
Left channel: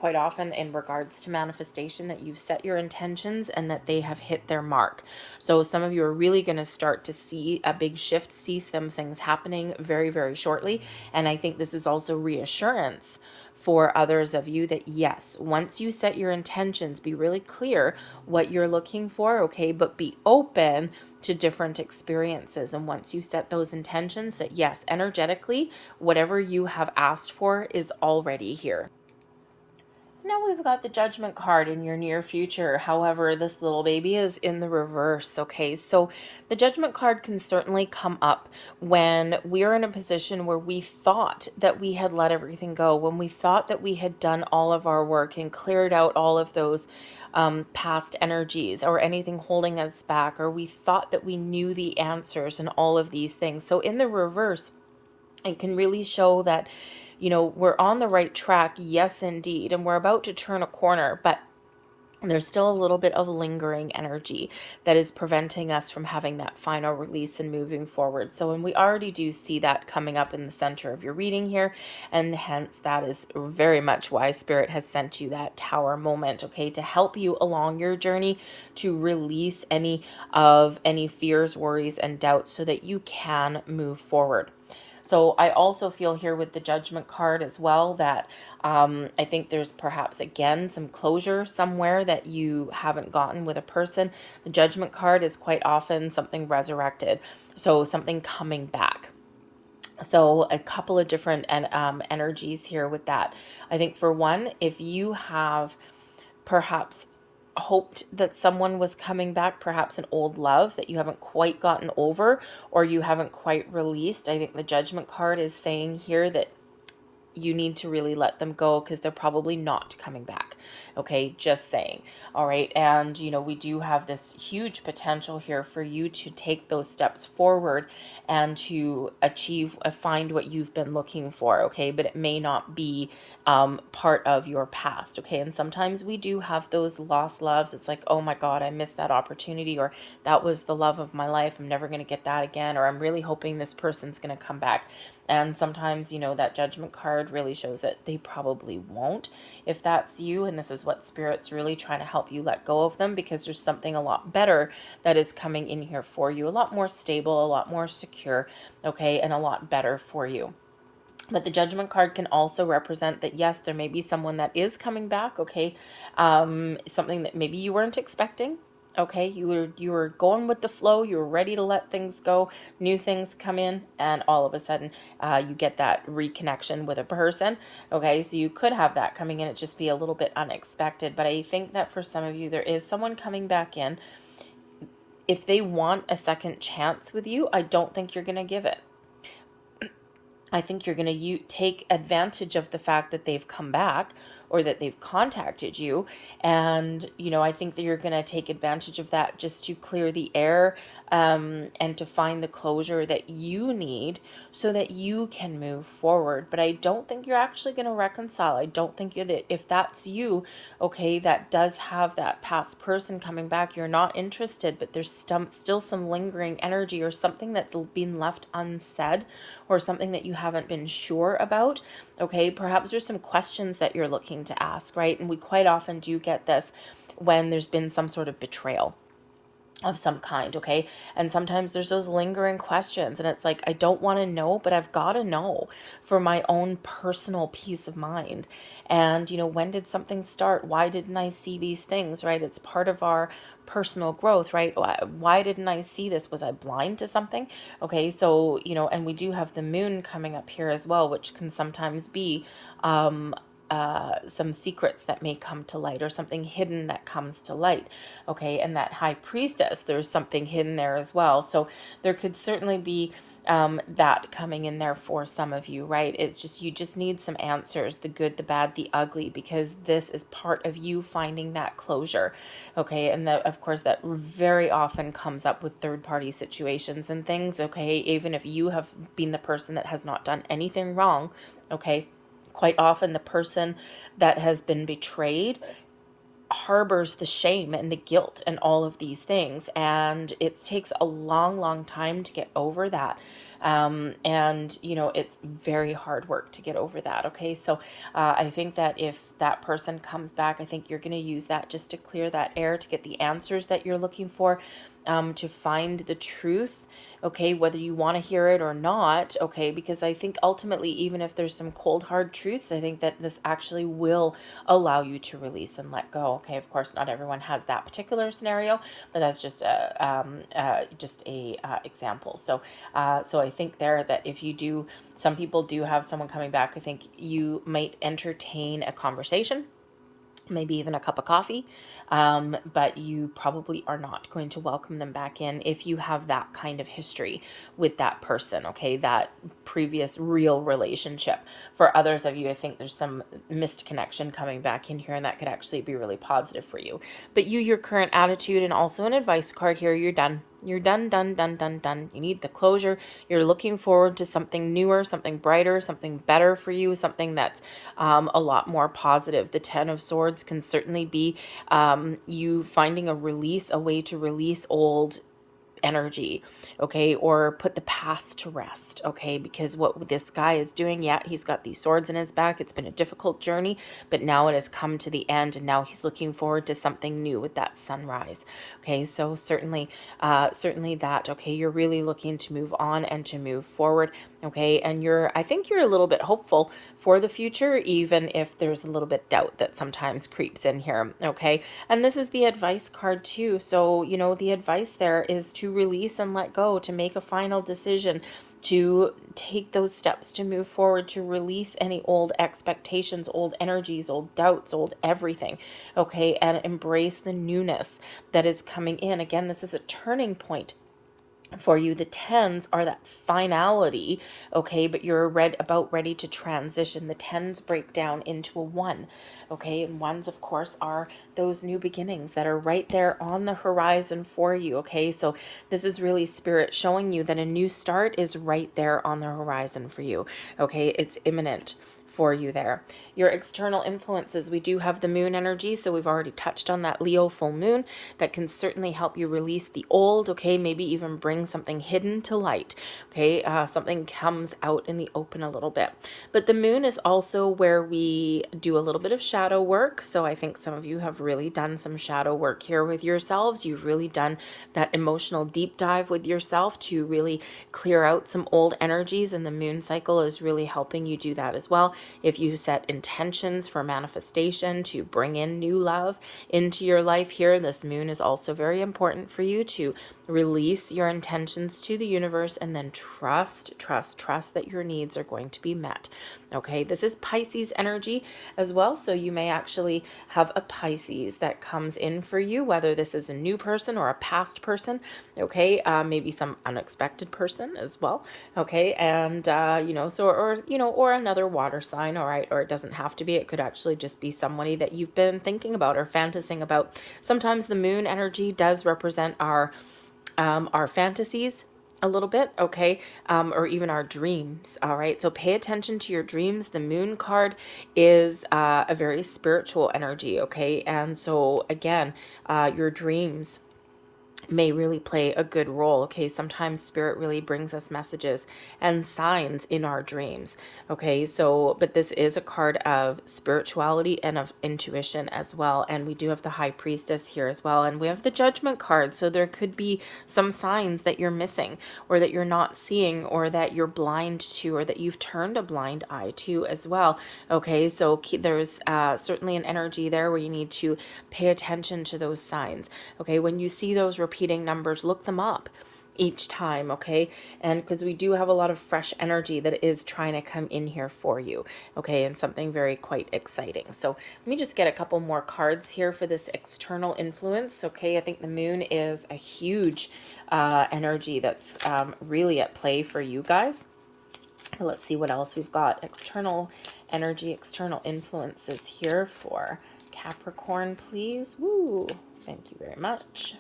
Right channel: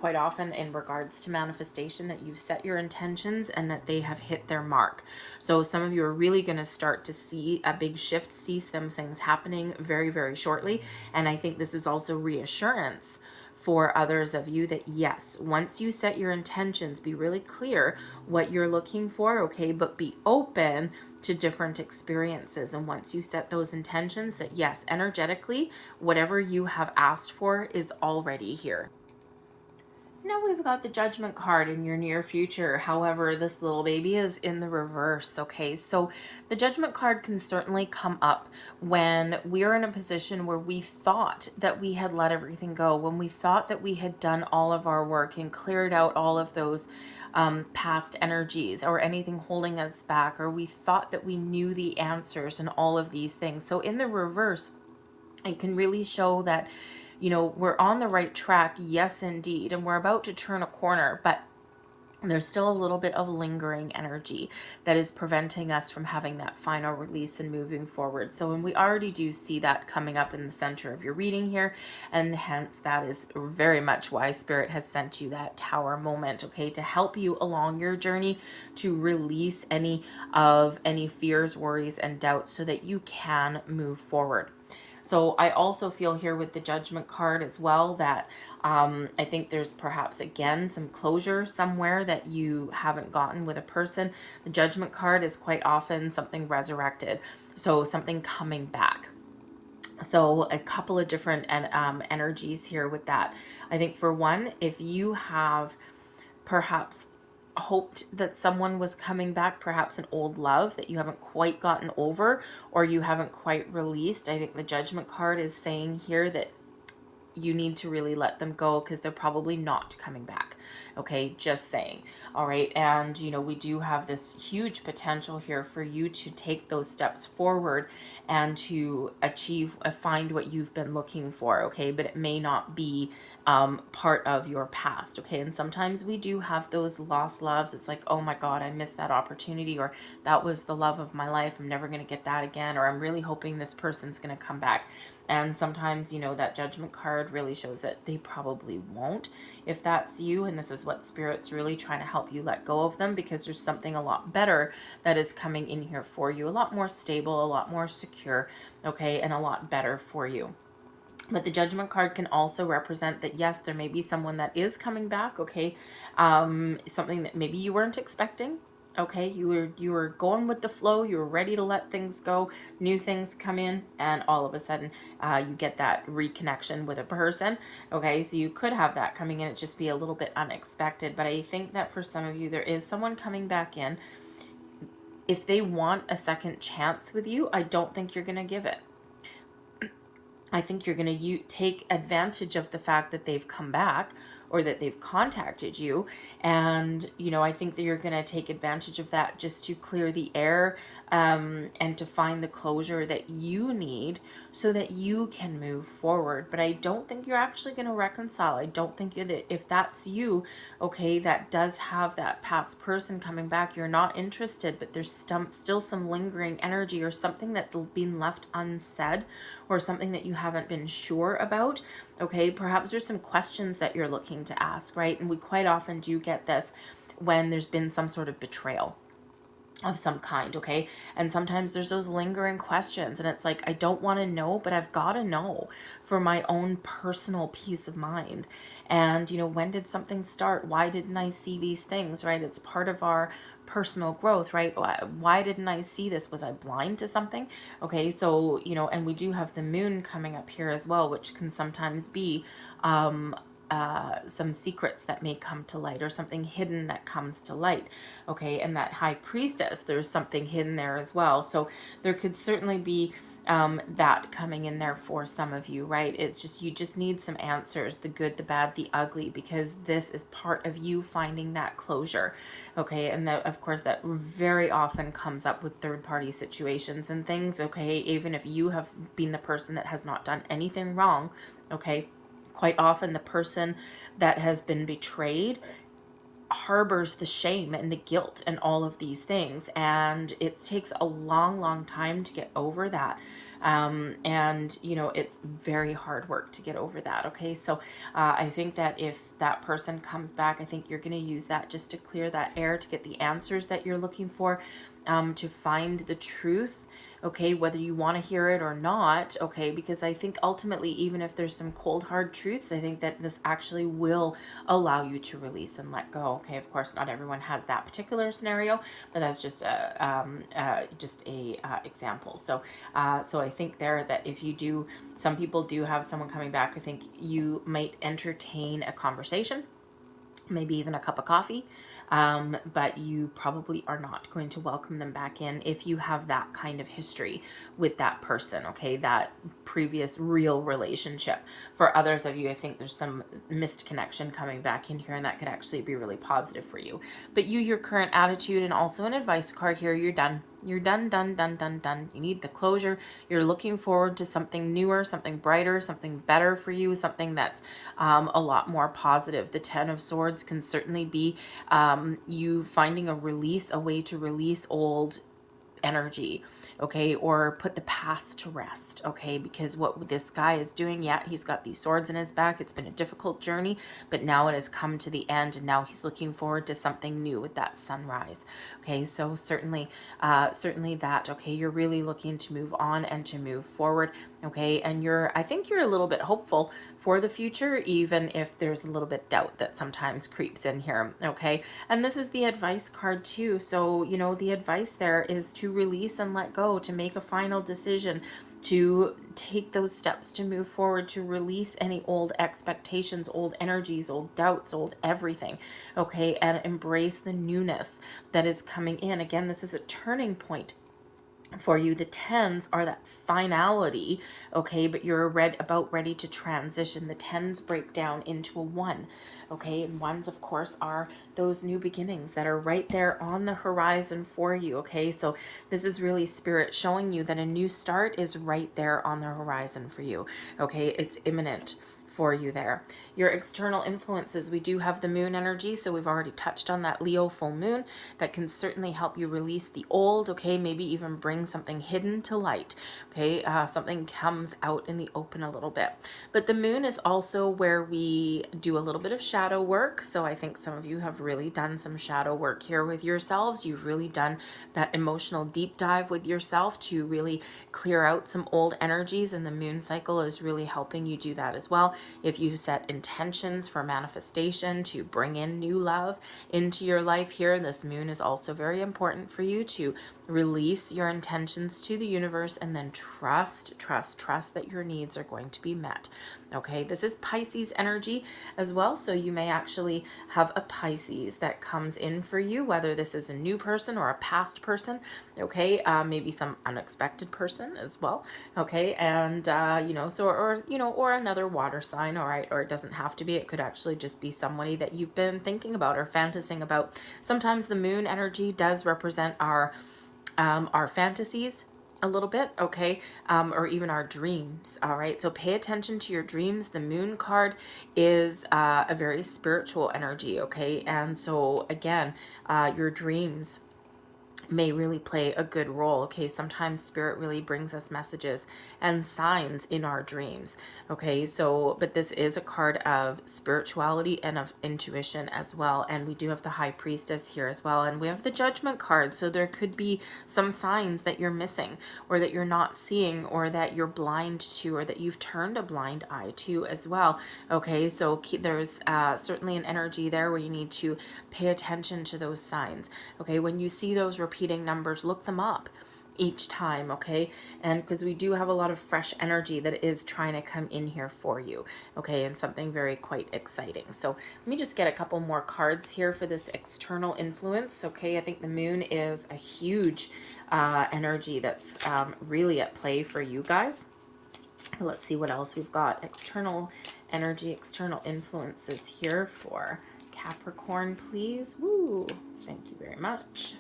quite often in regards to manifestation that you've set your intentions and that they have hit their mark. So some of you are really going to start to see a big shift, see some things happening very, very shortly. And I think this is also reassurance for others of you that yes, once you set your intentions, be really clear what you're looking for, okay, but be open to different experiences. And once you set those intentions, that yes, energetically, whatever you have asked for is already here. Now we've got the Judgment card in your near future. However, this little baby is in the reverse, okay? So the Judgment card can certainly come up when we're in a position where we thought that we had let everything go, when we thought that we had done all of our work and cleared out all of those past energies or anything holding us back, or we thought that we knew the answers and all of these things. So in the reverse, it can really show that, you know, we're on the right track, yes, indeed, and we're about to turn a corner, but there's still a little bit of lingering energy that is preventing us from having that final release and moving forward. So, and we already do see that coming up in the center of your reading here, and hence that is very much why Spirit has sent you that Tower moment, okay, to help you along your journey to release any fears, worries, and doubts so that you can move forward. So I also feel here with the Judgment card as well that I think there's perhaps, again, some closure somewhere that you haven't gotten with a person. The Judgment card is quite often something resurrected, so something coming back. So a couple of different energies here with that. I think for one, if you have perhaps hoped that someone was coming back, perhaps an old love that you haven't quite gotten over or you haven't quite released, I think the Judgment card is saying here that you need to really let them go because they're probably not coming back. Okay, just saying. All right, and you know, we do have this huge potential here for you to take those steps forward and to achieve, find what you've been looking for, okay, but it may not be part of your past, okay, and sometimes we do have those lost loves. It's like, oh my God, I missed that opportunity, or that was the love of my life, I'm never going to get that again, or I'm really hoping this person's going to come back. And sometimes, you know, that Judgment card really shows that they probably won't. If that's you, and this is what Spirit's really trying to help you let go of them, because there's something a lot better that is coming in here for you, a lot more stable, a lot more secure, okay, and a lot better for you. But the Judgment card can also represent that, yes, there may be someone that is coming back, okay, something that maybe you weren't expecting. Okay, you were going with the flow, you were ready to let things go, new things come in, and all of a sudden you get that reconnection with a person. Okay, so you could have that coming in, it just be a little bit unexpected. But I think that for some of you, there is someone coming back in. If they want a second chance with you, I don't think you're going to give it. I think you're going to take advantage of the fact that they've come back, or that they've contacted you. And, you know, I think that you're going to take advantage of that just to clear the air and to find the closure that you need so that you can move forward. But I don't think you're actually going to reconcile. I don't think you're that, if that's you, okay, that does have that past person coming back, you're not interested, but there's still some lingering energy or something that's been left unsaid, or something that you haven't been sure about. Okay, perhaps there's some questions that you're looking to ask, right? And we quite often do get this when there's been some sort of betrayal of some kind, okay? And sometimes there's those lingering questions, and it's like, I don't want to know, but I've got to know for my own personal peace of mind. And, you know, when did something start? Why didn't I see these things, right? It's part of our personal growth, right? Why didn't I see this? Was I blind to something? Okay, so, you know, and we do have the moon coming up here as well, which can sometimes be some secrets that may come to light, or something hidden that comes to light. Okay, and that high priestess, there's something hidden there as well. So there could certainly be that coming in there for some of you, right? It's just, you just need some answers, the good, the bad, the ugly, because this is part of you finding that closure. Okay, and that, of course, that very often comes up with third-party situations and things. Okay, even if you have been the person that has not done anything wrong. Okay, quite often the person that has been betrayed harbors the shame and the guilt and all of these things, and it takes a long time to get over that. And you know, it's very hard work to get over that. Okay, so I think that if that person comes back, I think you're going to use that just to clear that air, to get the answers that you're looking for, to find the truth. Okay, whether you want to hear it or not. Okay, because I think ultimately, even if there's some cold hard truths, I think that this actually will allow you to release and let go. Okay, of course, not everyone has that particular scenario, but that's just a example. So so I think there that if you do, some people do have someone coming back, I think you might entertain a conversation, maybe even a cup of coffee, but you probably are not going to welcome them back in if you have that kind of history with that person, okay, that previous real relationship. For others of you, I think there's some missed connection coming back in here, and that could actually be really positive for you. But you, your current attitude, and also an advice card here, you're done. You're done. You need the closure. You're looking forward to something newer, something brighter, something better for you, something that's a lot more positive. The Ten of Swords can certainly be you finding a release, a way to release old energy, okay, or put the past to rest, okay, because what this guy is doing, yeah, he's got these swords in his back. It's been a difficult journey, but now it has come to the end, and now he's looking forward to something new with that sunrise. Okay, so certainly that, okay, you're really looking to move on and to move forward. Okay, and I think you're a little bit hopeful for the future, even if there's a little bit doubt that sometimes creeps in here. Okay, and this is the advice card too. So, you know, the advice there is to release and let go, to make a final decision, to take those steps to move forward, to release any old expectations, old energies, old doubts, old everything. Okay, and embrace the newness that is coming in. Again, this is a turning point for you. The tens are that finality, okay, but you're about ready to transition. The tens break down into a one, okay, and ones, of course, are those new beginnings that are right there on the horizon for you. Okay, so this is really Spirit showing you that a new start is right there on the horizon for you. Okay, it's imminent for you there. Your external influences, we do have the moon energy, so we've already touched on that Leo full moon. That can certainly help you release the old, okay, maybe even bring something hidden to light, okay, something comes out in the open a little bit. But the moon is also where we do a little bit of shadow work, so I think some of you have really done some shadow work here with yourselves. You've really done that emotional deep dive with yourself to really clear out some old energies, and the moon cycle is really helping you do that as well. If you set intentions for manifestation to bring in new love into your life here, this moon is also very important for you to release your intentions to the universe, and then trust that your needs are going to be met. Okay, this is Pisces energy as well, so you may actually have a Pisces that comes in for you, whether this is a new person or a past person, okay, maybe some unexpected person as well, okay, and you know, so, or you know, or another water sign, all right, or it doesn't have to be, it could actually just be somebody that you've been thinking about or fantasizing about. Sometimes the moon energy does represent our fantasies a little bit, okay, or even our dreams, all right, so pay attention to your dreams. The moon card is a very spiritual energy, okay, and so again, your dreams, may really play a good role. Okay, sometimes spirit really brings us messages and signs in our dreams. Okay, so but this is a card of spirituality and of intuition as well, and we do have the High Priestess here as well, and we have the Judgment card. So there could be some signs that you're missing, or that you're not seeing, or that you're blind to, or that you've turned a blind eye to as well. Okay, so there's certainly an energy there where you need to pay attention to those signs. Okay, when you see those repeating numbers, look them up each time. Okay, and because we do have a lot of fresh energy that is trying to come in here for you. Okay, and something very quite exciting. So let me just get a couple more cards here for this external influence. Okay, I think the moon is a huge energy that's really at play for you guys. Let's see what else we've got. External energy, external influences here for Capricorn, please. Woo! Thank you very much.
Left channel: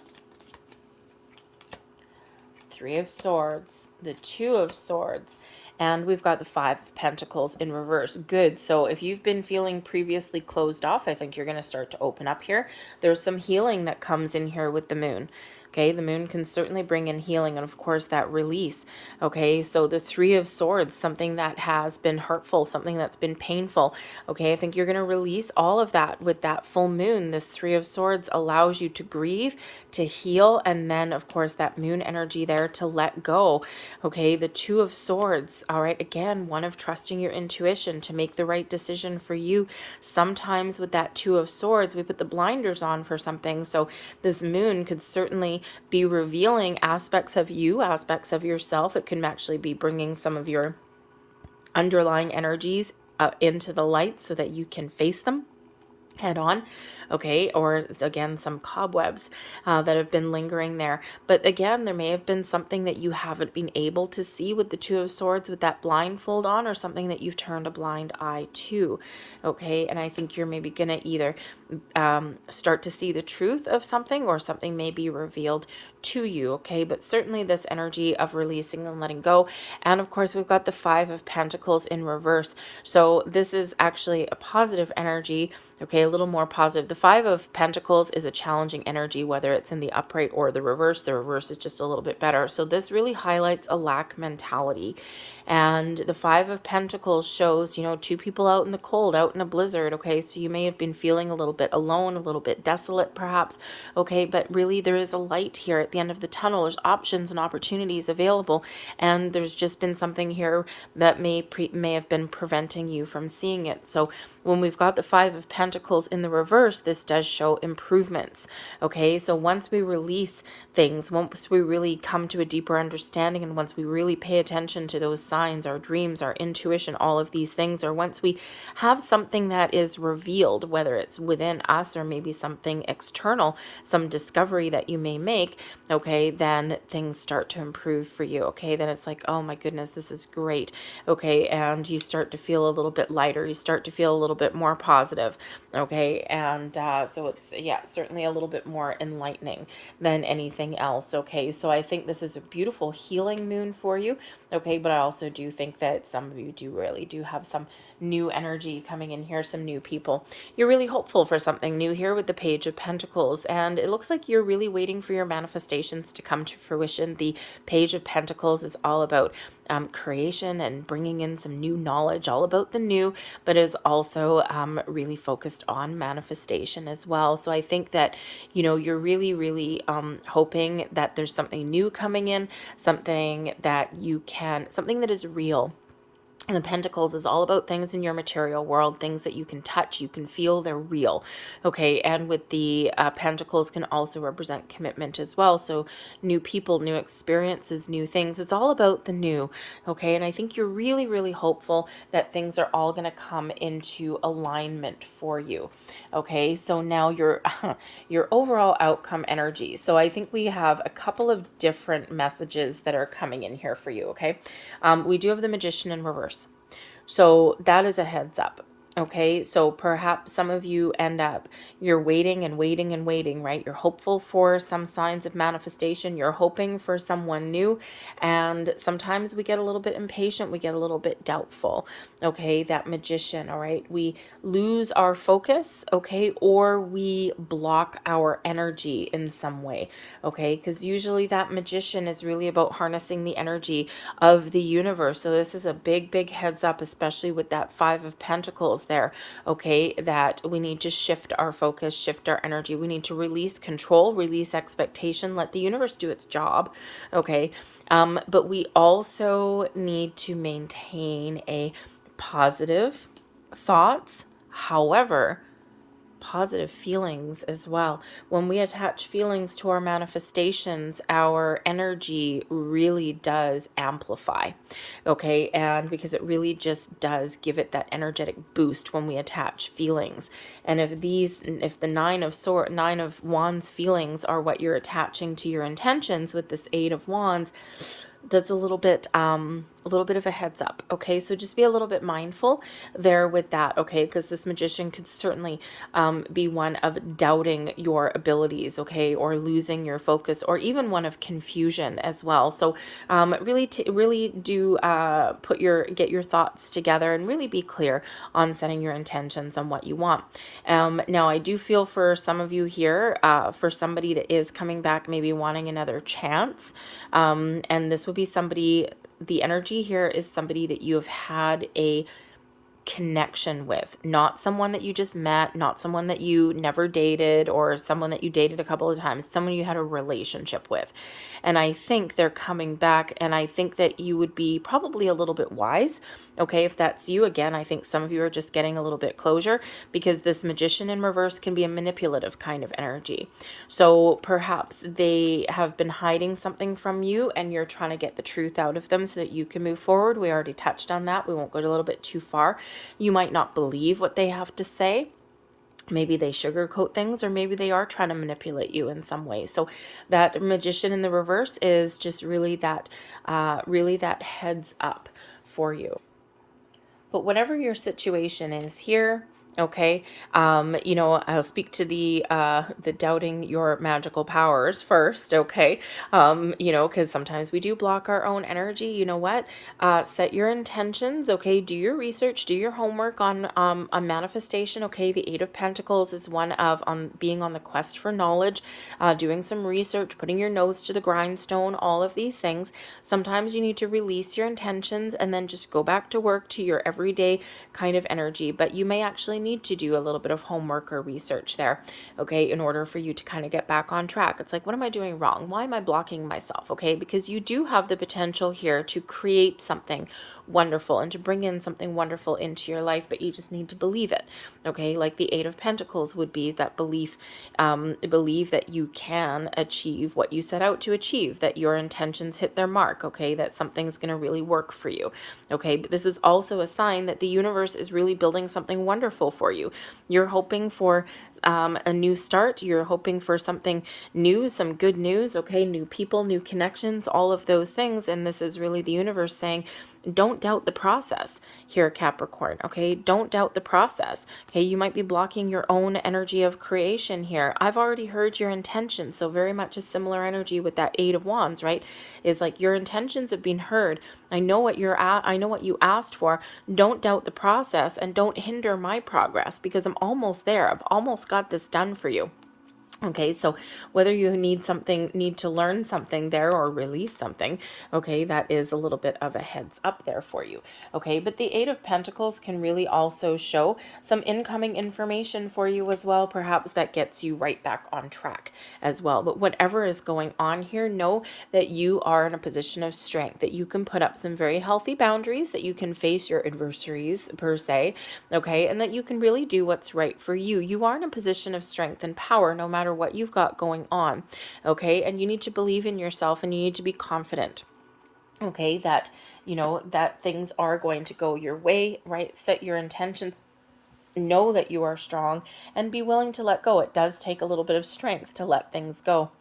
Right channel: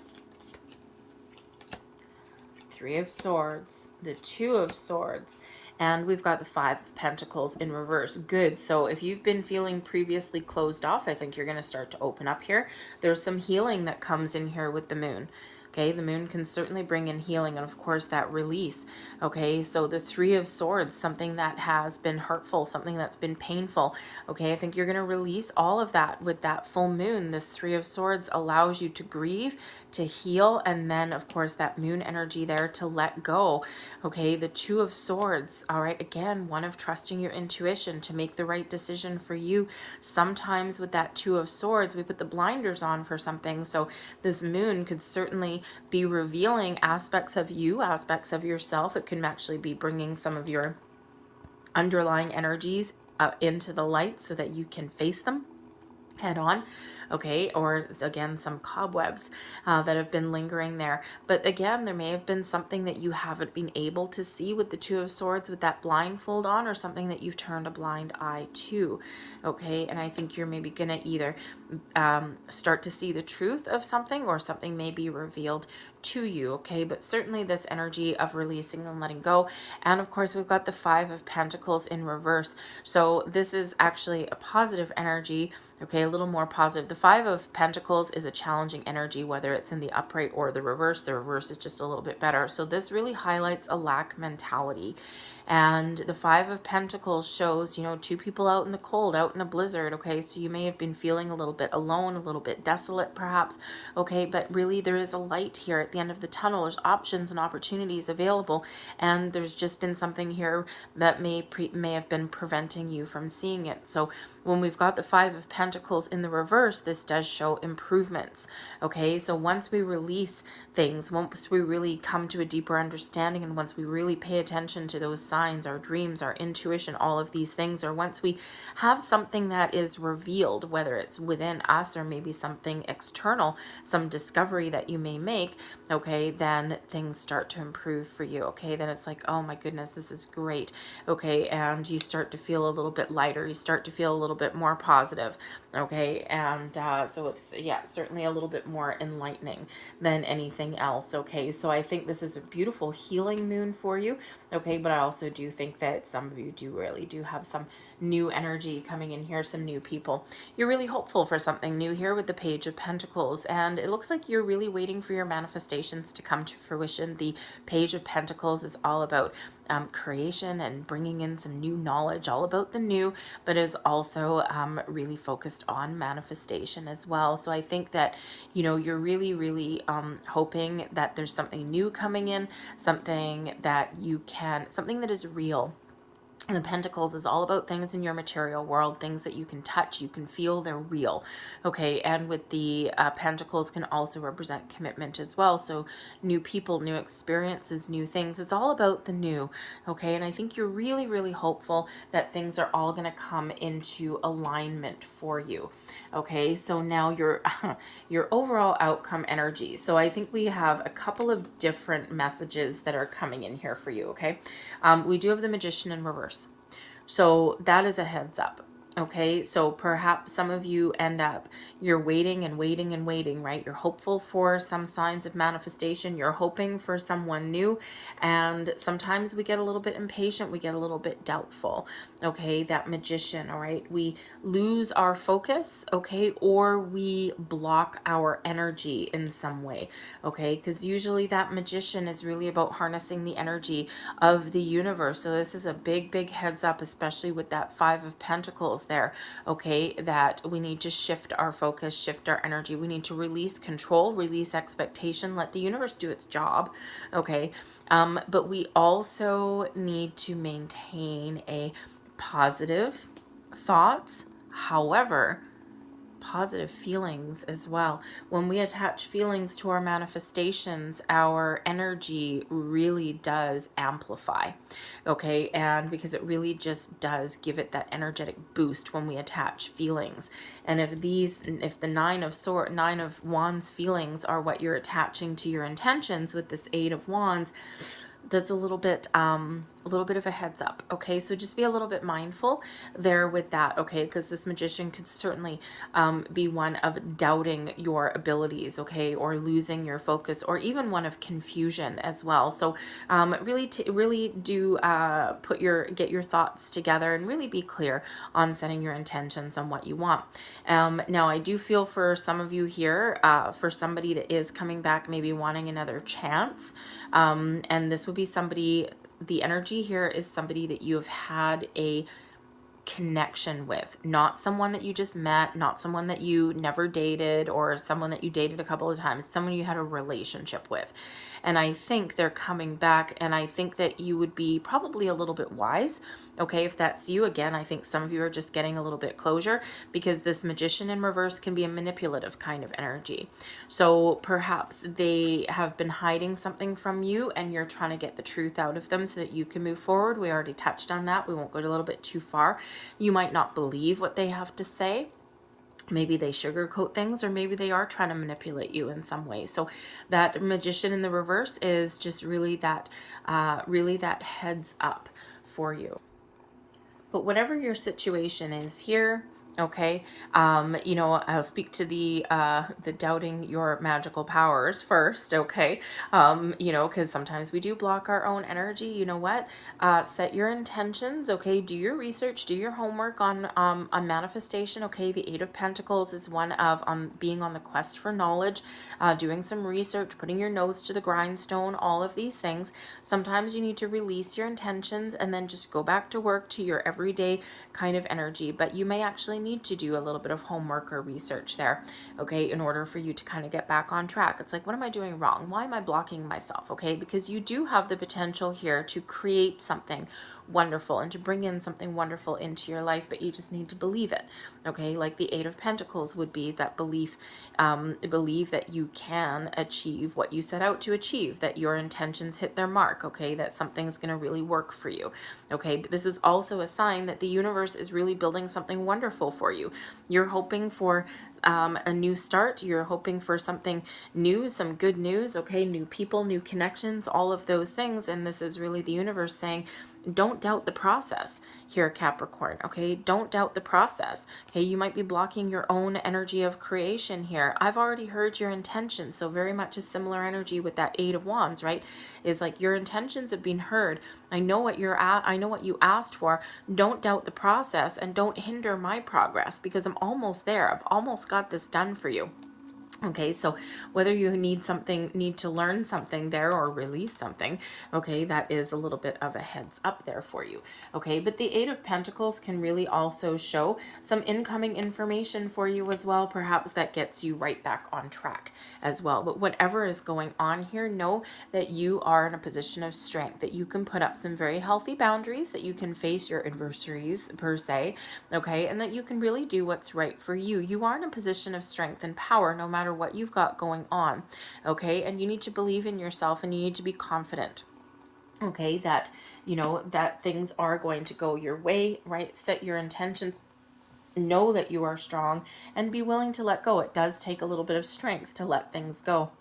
Three of Swords, the Two of Swords, and we've got the Five of Pentacles in reverse. Good. So if you've been feeling previously closed off, I think you're going to start to open up here. There's some healing that comes in here with the moon. Okay, the moon can certainly bring in healing, and of course that release. Okay, so the Three of Swords, something that has been hurtful, something that's been painful. Okay, I think you're going to release all of that with that full moon. This Three of Swords allows you to grieve, to heal, and then of course that moon energy there to let go. Okay, the Two of Swords. All right, again, one of trusting your intuition to make the right decision for you. Sometimes with that Two of Swords, we put the blinders on for something. So this moon could certainly be revealing aspects of you, aspects of yourself. It can actually be bringing some of your underlying energies into the light so that you can face them head on. Okay, or again, some cobwebs that have been lingering there. But again, there may have been something that you haven't been able to see with the Two of Swords with that blindfold on, or something that you've turned a blind eye to. Okay, and I think you're maybe going to either start to see the truth of something, or something may be revealed to you. Okay, but certainly this energy of releasing and letting go. And of course, we've got the Five of Pentacles in reverse. So this is actually a positive energy. Okay, a little more positive. The Five of Pentacles is a challenging energy, whether it's in the upright or the reverse. The reverse is just a little bit better. So this really highlights a lack mentality. And the Five of Pentacles shows, you know, two people out in the cold, out in a blizzard. Okay, so you may have been feeling a little bit alone, a little bit desolate perhaps. Okay, but really there is a light here at the end of the tunnel. There's options and opportunities available, and there's just been something here that may have been preventing you from seeing it. So when we've got the Five of Pentacles in the reverse, this does show improvements. Okay, so once we release things, once we really come to a deeper understanding, and once we really pay attention to those signs, our dreams, our intuition, all of these things, or once we have something that is revealed, whether it's within us or maybe something external, some discovery that you may make, okay, then things start to improve for you. Okay, then it's like, oh my goodness, this is great. Okay, and you start to feel a little bit lighter. You start to feel a little bit more positive. Okay, and so it's, yeah, certainly a little bit more enlightening than anything else. Okay, so I think this is a beautiful healing moon for you. Okay, but I also do think that some of you really do have some new energy coming in here, some new people. You're really hopeful for something new here with the Page of Pentacles, and it looks like you're really waiting for your manifestations to come to fruition. The Page of Pentacles is all about creation and bringing in some new knowledge, all about the new, but is also really focused on manifestation as well. So I think that, you know, you're really hoping that there's something new coming in, something that you can, something that is real. And the Pentacles is all about things in your material world, things that you can touch, you can feel, they're real. Okay, and with the Pentacles can also represent commitment as well. So new people, new experiences, new things. It's all about the new. Okay, and I think you're really hopeful that things are all going to come into alignment for you. Okay, so now your overall outcome energy. So I think we have a couple of different messages that are coming in here for you. Okay, we do have the Magician in reverse. So that is a heads up. Okay, so perhaps some of you end up, you're waiting and waiting and waiting, right? You're hopeful for some signs of manifestation. You're hoping for someone new. And sometimes we get a little bit impatient. We get a little bit doubtful. Okay, that magician, all right? We lose our focus, okay? Or we block our energy in some way, okay? Because usually that magician is really about harnessing the energy of the universe. So this is a big, big heads up, especially with that Five of Pentacles there, okay, that we need to shift our focus, shift our energy. We need to release control, release expectation, let the universe do its job, okay? But we also need to maintain a positive thoughts. However, positive feelings as well. When we attach feelings to our manifestations, our energy really does amplify, okay? And because it really just does give it that energetic boost when we attach feelings. And if the Nine of Wands feelings are what you're attaching to your intentions with this Eight of Wands, that's a little bit of a heads up, okay? So just be a little bit mindful there with that, okay? Because this magician could certainly be one of doubting your abilities, okay, or losing your focus, or even one of confusion as well. So really do get your thoughts together and really be clear on setting your intentions on what you want. Now I do feel for some of you here, for somebody that is coming back, maybe wanting another chance, and this would be somebody, the energy here is somebody that you have had a connection with, not someone that you just met, not someone that you never dated, or someone that you dated a couple of times, someone you had a relationship with. And I think they're coming back, and I think that you would be probably a little bit wise, okay, if that's you. Again, I think some of you are just getting a little bit closure, because this magician in reverse can be a manipulative kind of energy. So perhaps they have been hiding something from you, and you're trying to get the truth out of them so that you can move forward. We already touched on that. We won't go a little bit too far. You might not believe what they have to say. Maybe they sugarcoat things, or maybe they are trying to manipulate you in some way. So that magician in the reverse is just really that heads up for you. But whatever your situation is here, okay, I'll speak to the doubting your magical powers first, okay, because sometimes we do block our own energy. You know what? Set your intentions, okay, do your research, do your homework on a manifestation, okay. The Eight of Pentacles is one of being on the quest for knowledge, doing some research, putting your nose to the grindstone, all of these things. Sometimes you need to release your intentions and then just go back to work, to your everyday kind of energy, but you may actually need to do a little bit of homework or research there, okay, in order for you to kind of get back on track. It's like, what am I doing wrong? Why am I blocking myself? Okay, because you do have the potential here to create something wonderful and to bring in something wonderful into your life, but you just need to believe it, okay? Like the Eight of Pentacles would be that belief that you can achieve what you set out to achieve, that your intentions hit their mark, okay, that something's going to really work for you, okay. But this is also a sign that the universe is really building something wonderful for you. You're hoping for a new start. You're hoping for something new, some good news, okay, new people, new connections, all of those things. And this is really the universe saying, don't doubt the process here, Capricorn, okay? Don't doubt the process, okay? You might be blocking your own energy of creation here. I've already heard your intentions, so very much a similar energy with that Eight of Wands, right? Is like your intentions have been heard. I know what I know what you asked for. Don't doubt the process, and don't hinder my progress, because I'm almost there. I've almost got this done for you. Okay, so whether you need to learn something there or release something, okay, that is a little bit of a heads up there for you. Okay, but the Eight of Pentacles can really also show some incoming information for you as well, perhaps that gets you right back on track as well. But whatever is going on here, know that you are in a position of strength, that you can put up some very healthy boundaries, that you can face your adversaries per se, okay, and that you can really do what's right for you. You are in a position of strength and power no matter what you've got going on, okay? And you need to believe in yourself, and you need to be confident, okay, that that things are going to go your way, right? Set your intentions, know that you are strong, and be willing to let go. It does take a little bit of strength to let things go.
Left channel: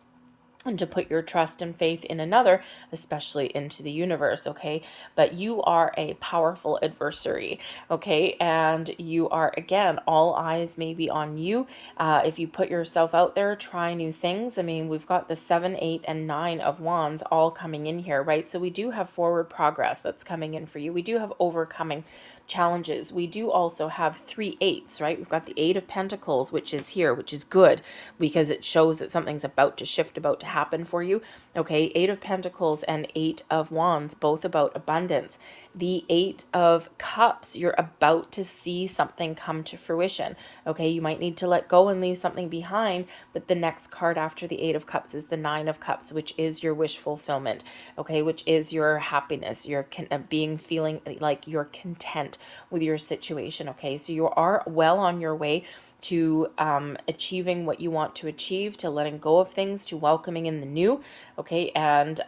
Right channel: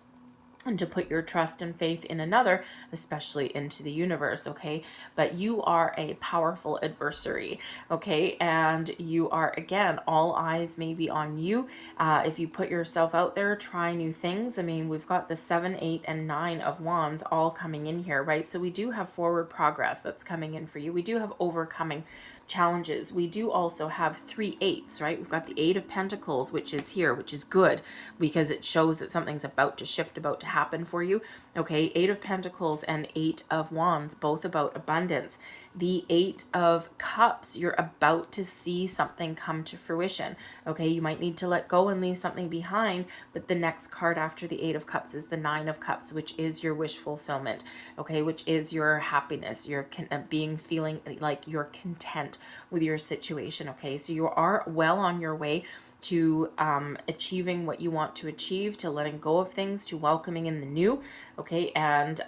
and to put your trust and faith in another, especially into the universe, okay? But you are a powerful adversary, okay? And you are, again, all eyes may be on you. If you put yourself out there, try new things. I mean, we've got the 7, 8, and 9 of wands all coming in here, right? So we do have forward progress that's coming in for you. We do have overcoming challenges. We do also have 3 8s, right? We've got the 8 of Pentacles, which is here, which is good because it shows that something's about to shift, about to happen for you. Okay, 8 of Pentacles and 8 of Wands, both about abundance. The 8 of Cups, you're about to see something come to fruition. Okay, you might need to let go and leave something behind, but the next card after the 8 of Cups is the 9 of Cups, which is your wish fulfillment, okay, which is your happiness, your feeling like you're content with your situation, okay? So you are well on your way to achieving what you want to achieve, to letting go of things, to welcoming in the new, okay, and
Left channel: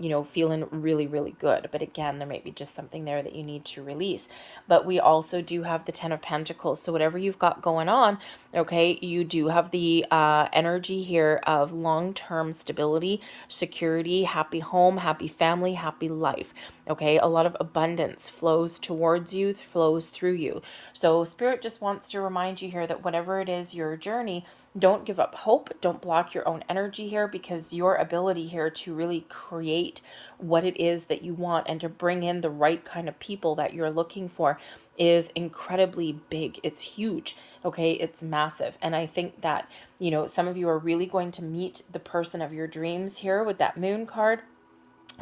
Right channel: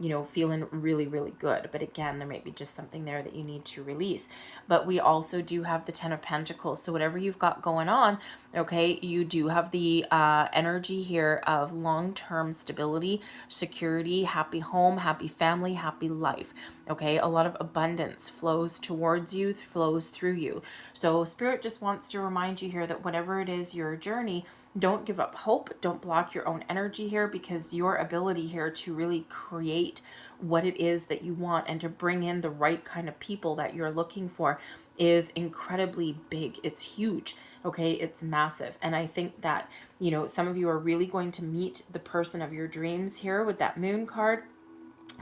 you know, feeling really, really good. But again, there might be just something there that you need to release. But we also do have the 10 of Pentacles, so whatever you've got going on, okay, you do have the energy here of long-term stability, security, happy home, happy family, happy life, okay? A lot of abundance flows towards you, flows through you. So Spirit just wants to remind you here that whatever it is, your journey, don't give up hope. Don't block your own energy here, because your ability here to really create what it is that you want and to bring in the right kind of people that you're looking for is incredibly big. It's huge. Okay, it's massive. And I think that, you know, some of you are really going to meet the person of your dreams here with that moon card.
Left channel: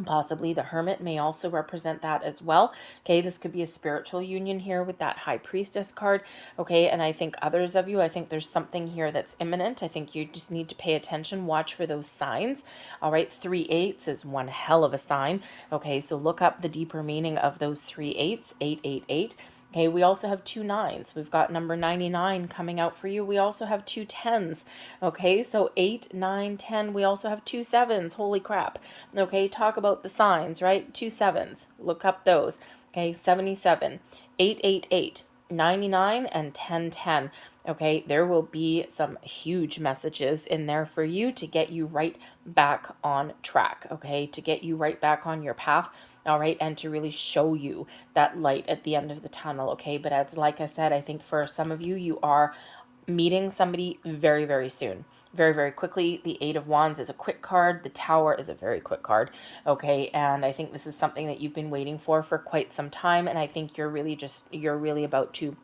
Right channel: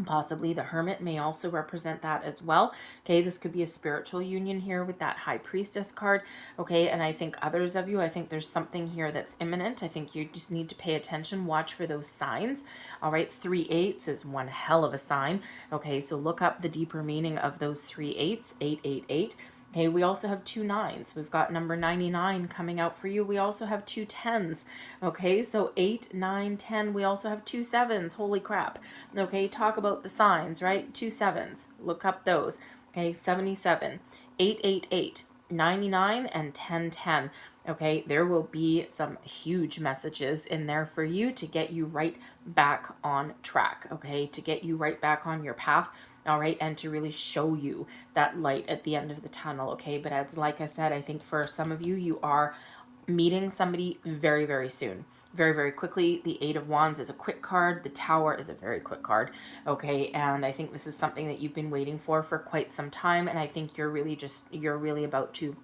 Possibly the Hermit may also represent that as well. Okay, this could be a spiritual union here with that High Priestess card. Okay, and I think others of you, I think there's something here that's imminent. I think you just need to pay attention, watch for those signs. All right, 3 8s is one hell of a sign. Okay, so look up the deeper meaning of those 3 8s, 888. Okay, we also have 2 9s. We've got number 99 coming out for you. We also have 2 10s. Okay, so 8, 9, 10. We also have 2 7s. Holy crap. Okay, talk about the signs, right? 2 7s. Look up those. Okay, 77, 888, 99, and 1010. Okay, there will be some huge messages in there for you to get you right back on track. Okay, to get you right back on your path. All right, and to really show you that light at the end of the tunnel. Okay, but as like I said, I think for some of you, you are meeting somebody very, very soon, very, very quickly. The 8 of Wands is a quick card. The Tower is a very quick card. Okay, and I think this is something that you've been waiting for quite some time, and I think you're really about to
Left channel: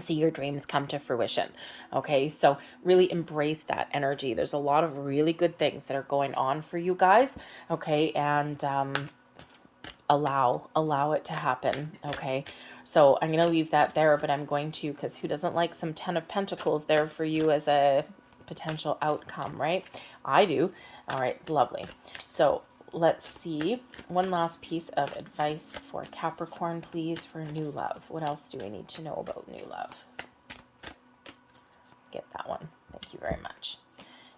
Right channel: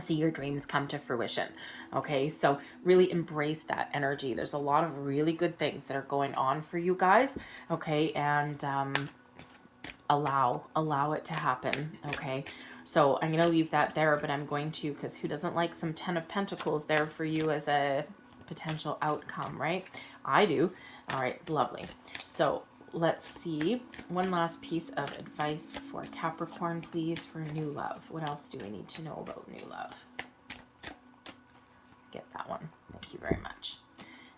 see your dreams come to fruition. Okay, so really embrace that energy. There's a lot of really good things that are going on for you guys. Okay, and allow it to happen. Okay, so I'm gonna leave that there, but I'm going to, because who doesn't like some 10 of Pentacles there for you as a potential outcome, right? I do. All right, lovely. So let's see, one last piece of advice for Capricorn, please, for new love. What else do I need to know about new love? Get that one. Thank you very much.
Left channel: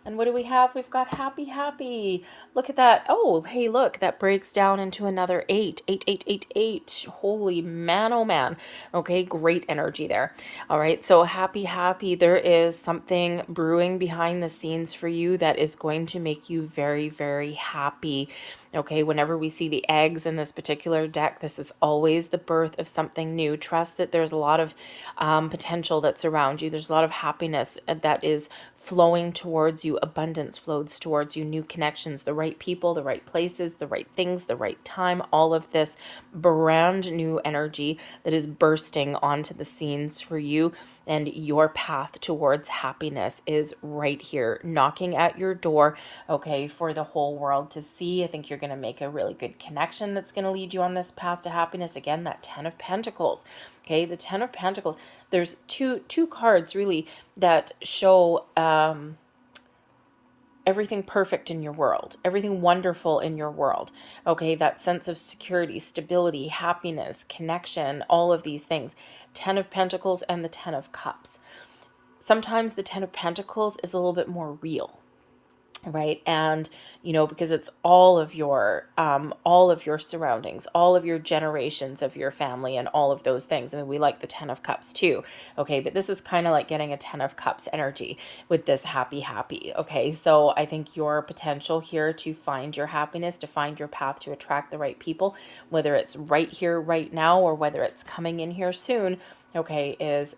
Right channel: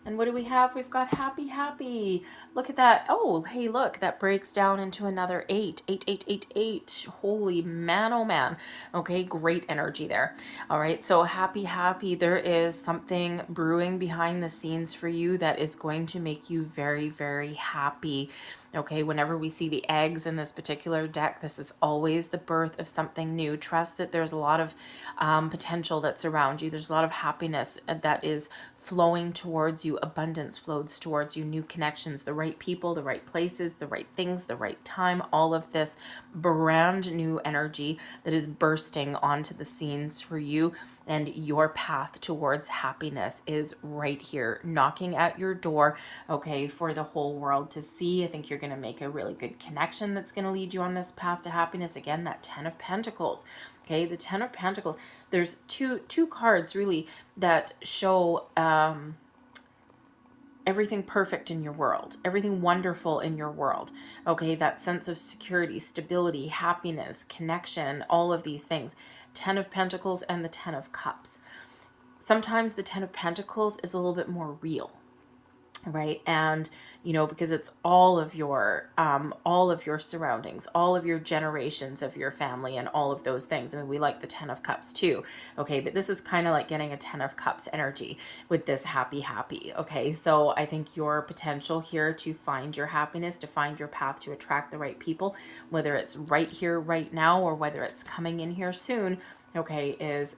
And what do we have? We've got happy, happy. Look at that. Oh, hey, look, that breaks down into another 8. 8, 8, 8, 8. Holy man, oh man. Okay, great energy there. All right, so happy, happy. There is something brewing behind the scenes for you that is going to make you very, very happy. Okay, whenever we see the eggs in this particular deck, this is always the birth of something new. Trust that there's a lot of potential that's around you. There's a lot of happiness that is flowing towards you. Abundance flows towards you. New connections, the right people, the right places, the right things, the right time. All of this brand new energy that is bursting onto the scenes for you. And your path towards happiness is right here, knocking at your door, okay, for the whole world to see. I think you're going to make a really good connection that's going to lead you on this path to happiness. Again, that 10 of Pentacles, okay, the 10 of Pentacles. There's two cards really that show everything perfect in your world, everything wonderful in your world, okay, that sense of security, stability, happiness, connection, all of these things. 10 of Pentacles and the 10 of Cups. Sometimes the 10 of Pentacles is a little bit more real, right? And you know, because it's all of your surroundings, all of your generations of your family and all of those things. I mean, we like the 10 of cups too. Okay. But this is kind of like getting a 10 of cups energy with this happy. Okay. So I think your potential here to find your happiness, to find your path, to attract the right people, whether it's right here, right now, or whether it's coming in here soon, okay, is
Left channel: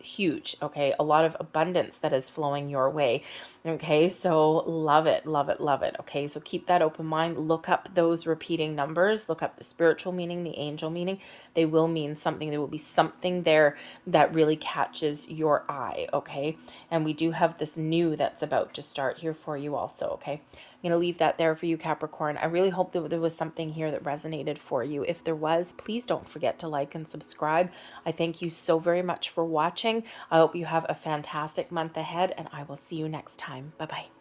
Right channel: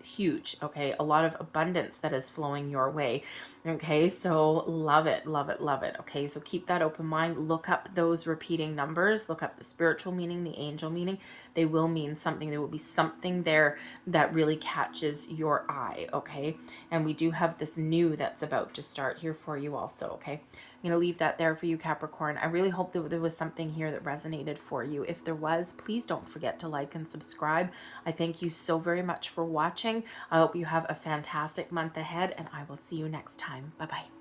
huge. Okay, a lot of abundance that is flowing your way. Okay, so love it, love it, love it. Okay, so keep that open mind. Look up those repeating numbers. Look up the spiritual meaning, the angel meaning. They will mean something. There will be something there that really catches your eye. Okay, and we do have this new that's about to start here for you also. Okay, I'm going to leave that there for you, Capricorn. I really hope that there was something here that resonated for you. If there was, please don't forget to like and subscribe. I thank you so very much for watching. I hope you have a fantastic month ahead, and I will see you next time. Bye-bye.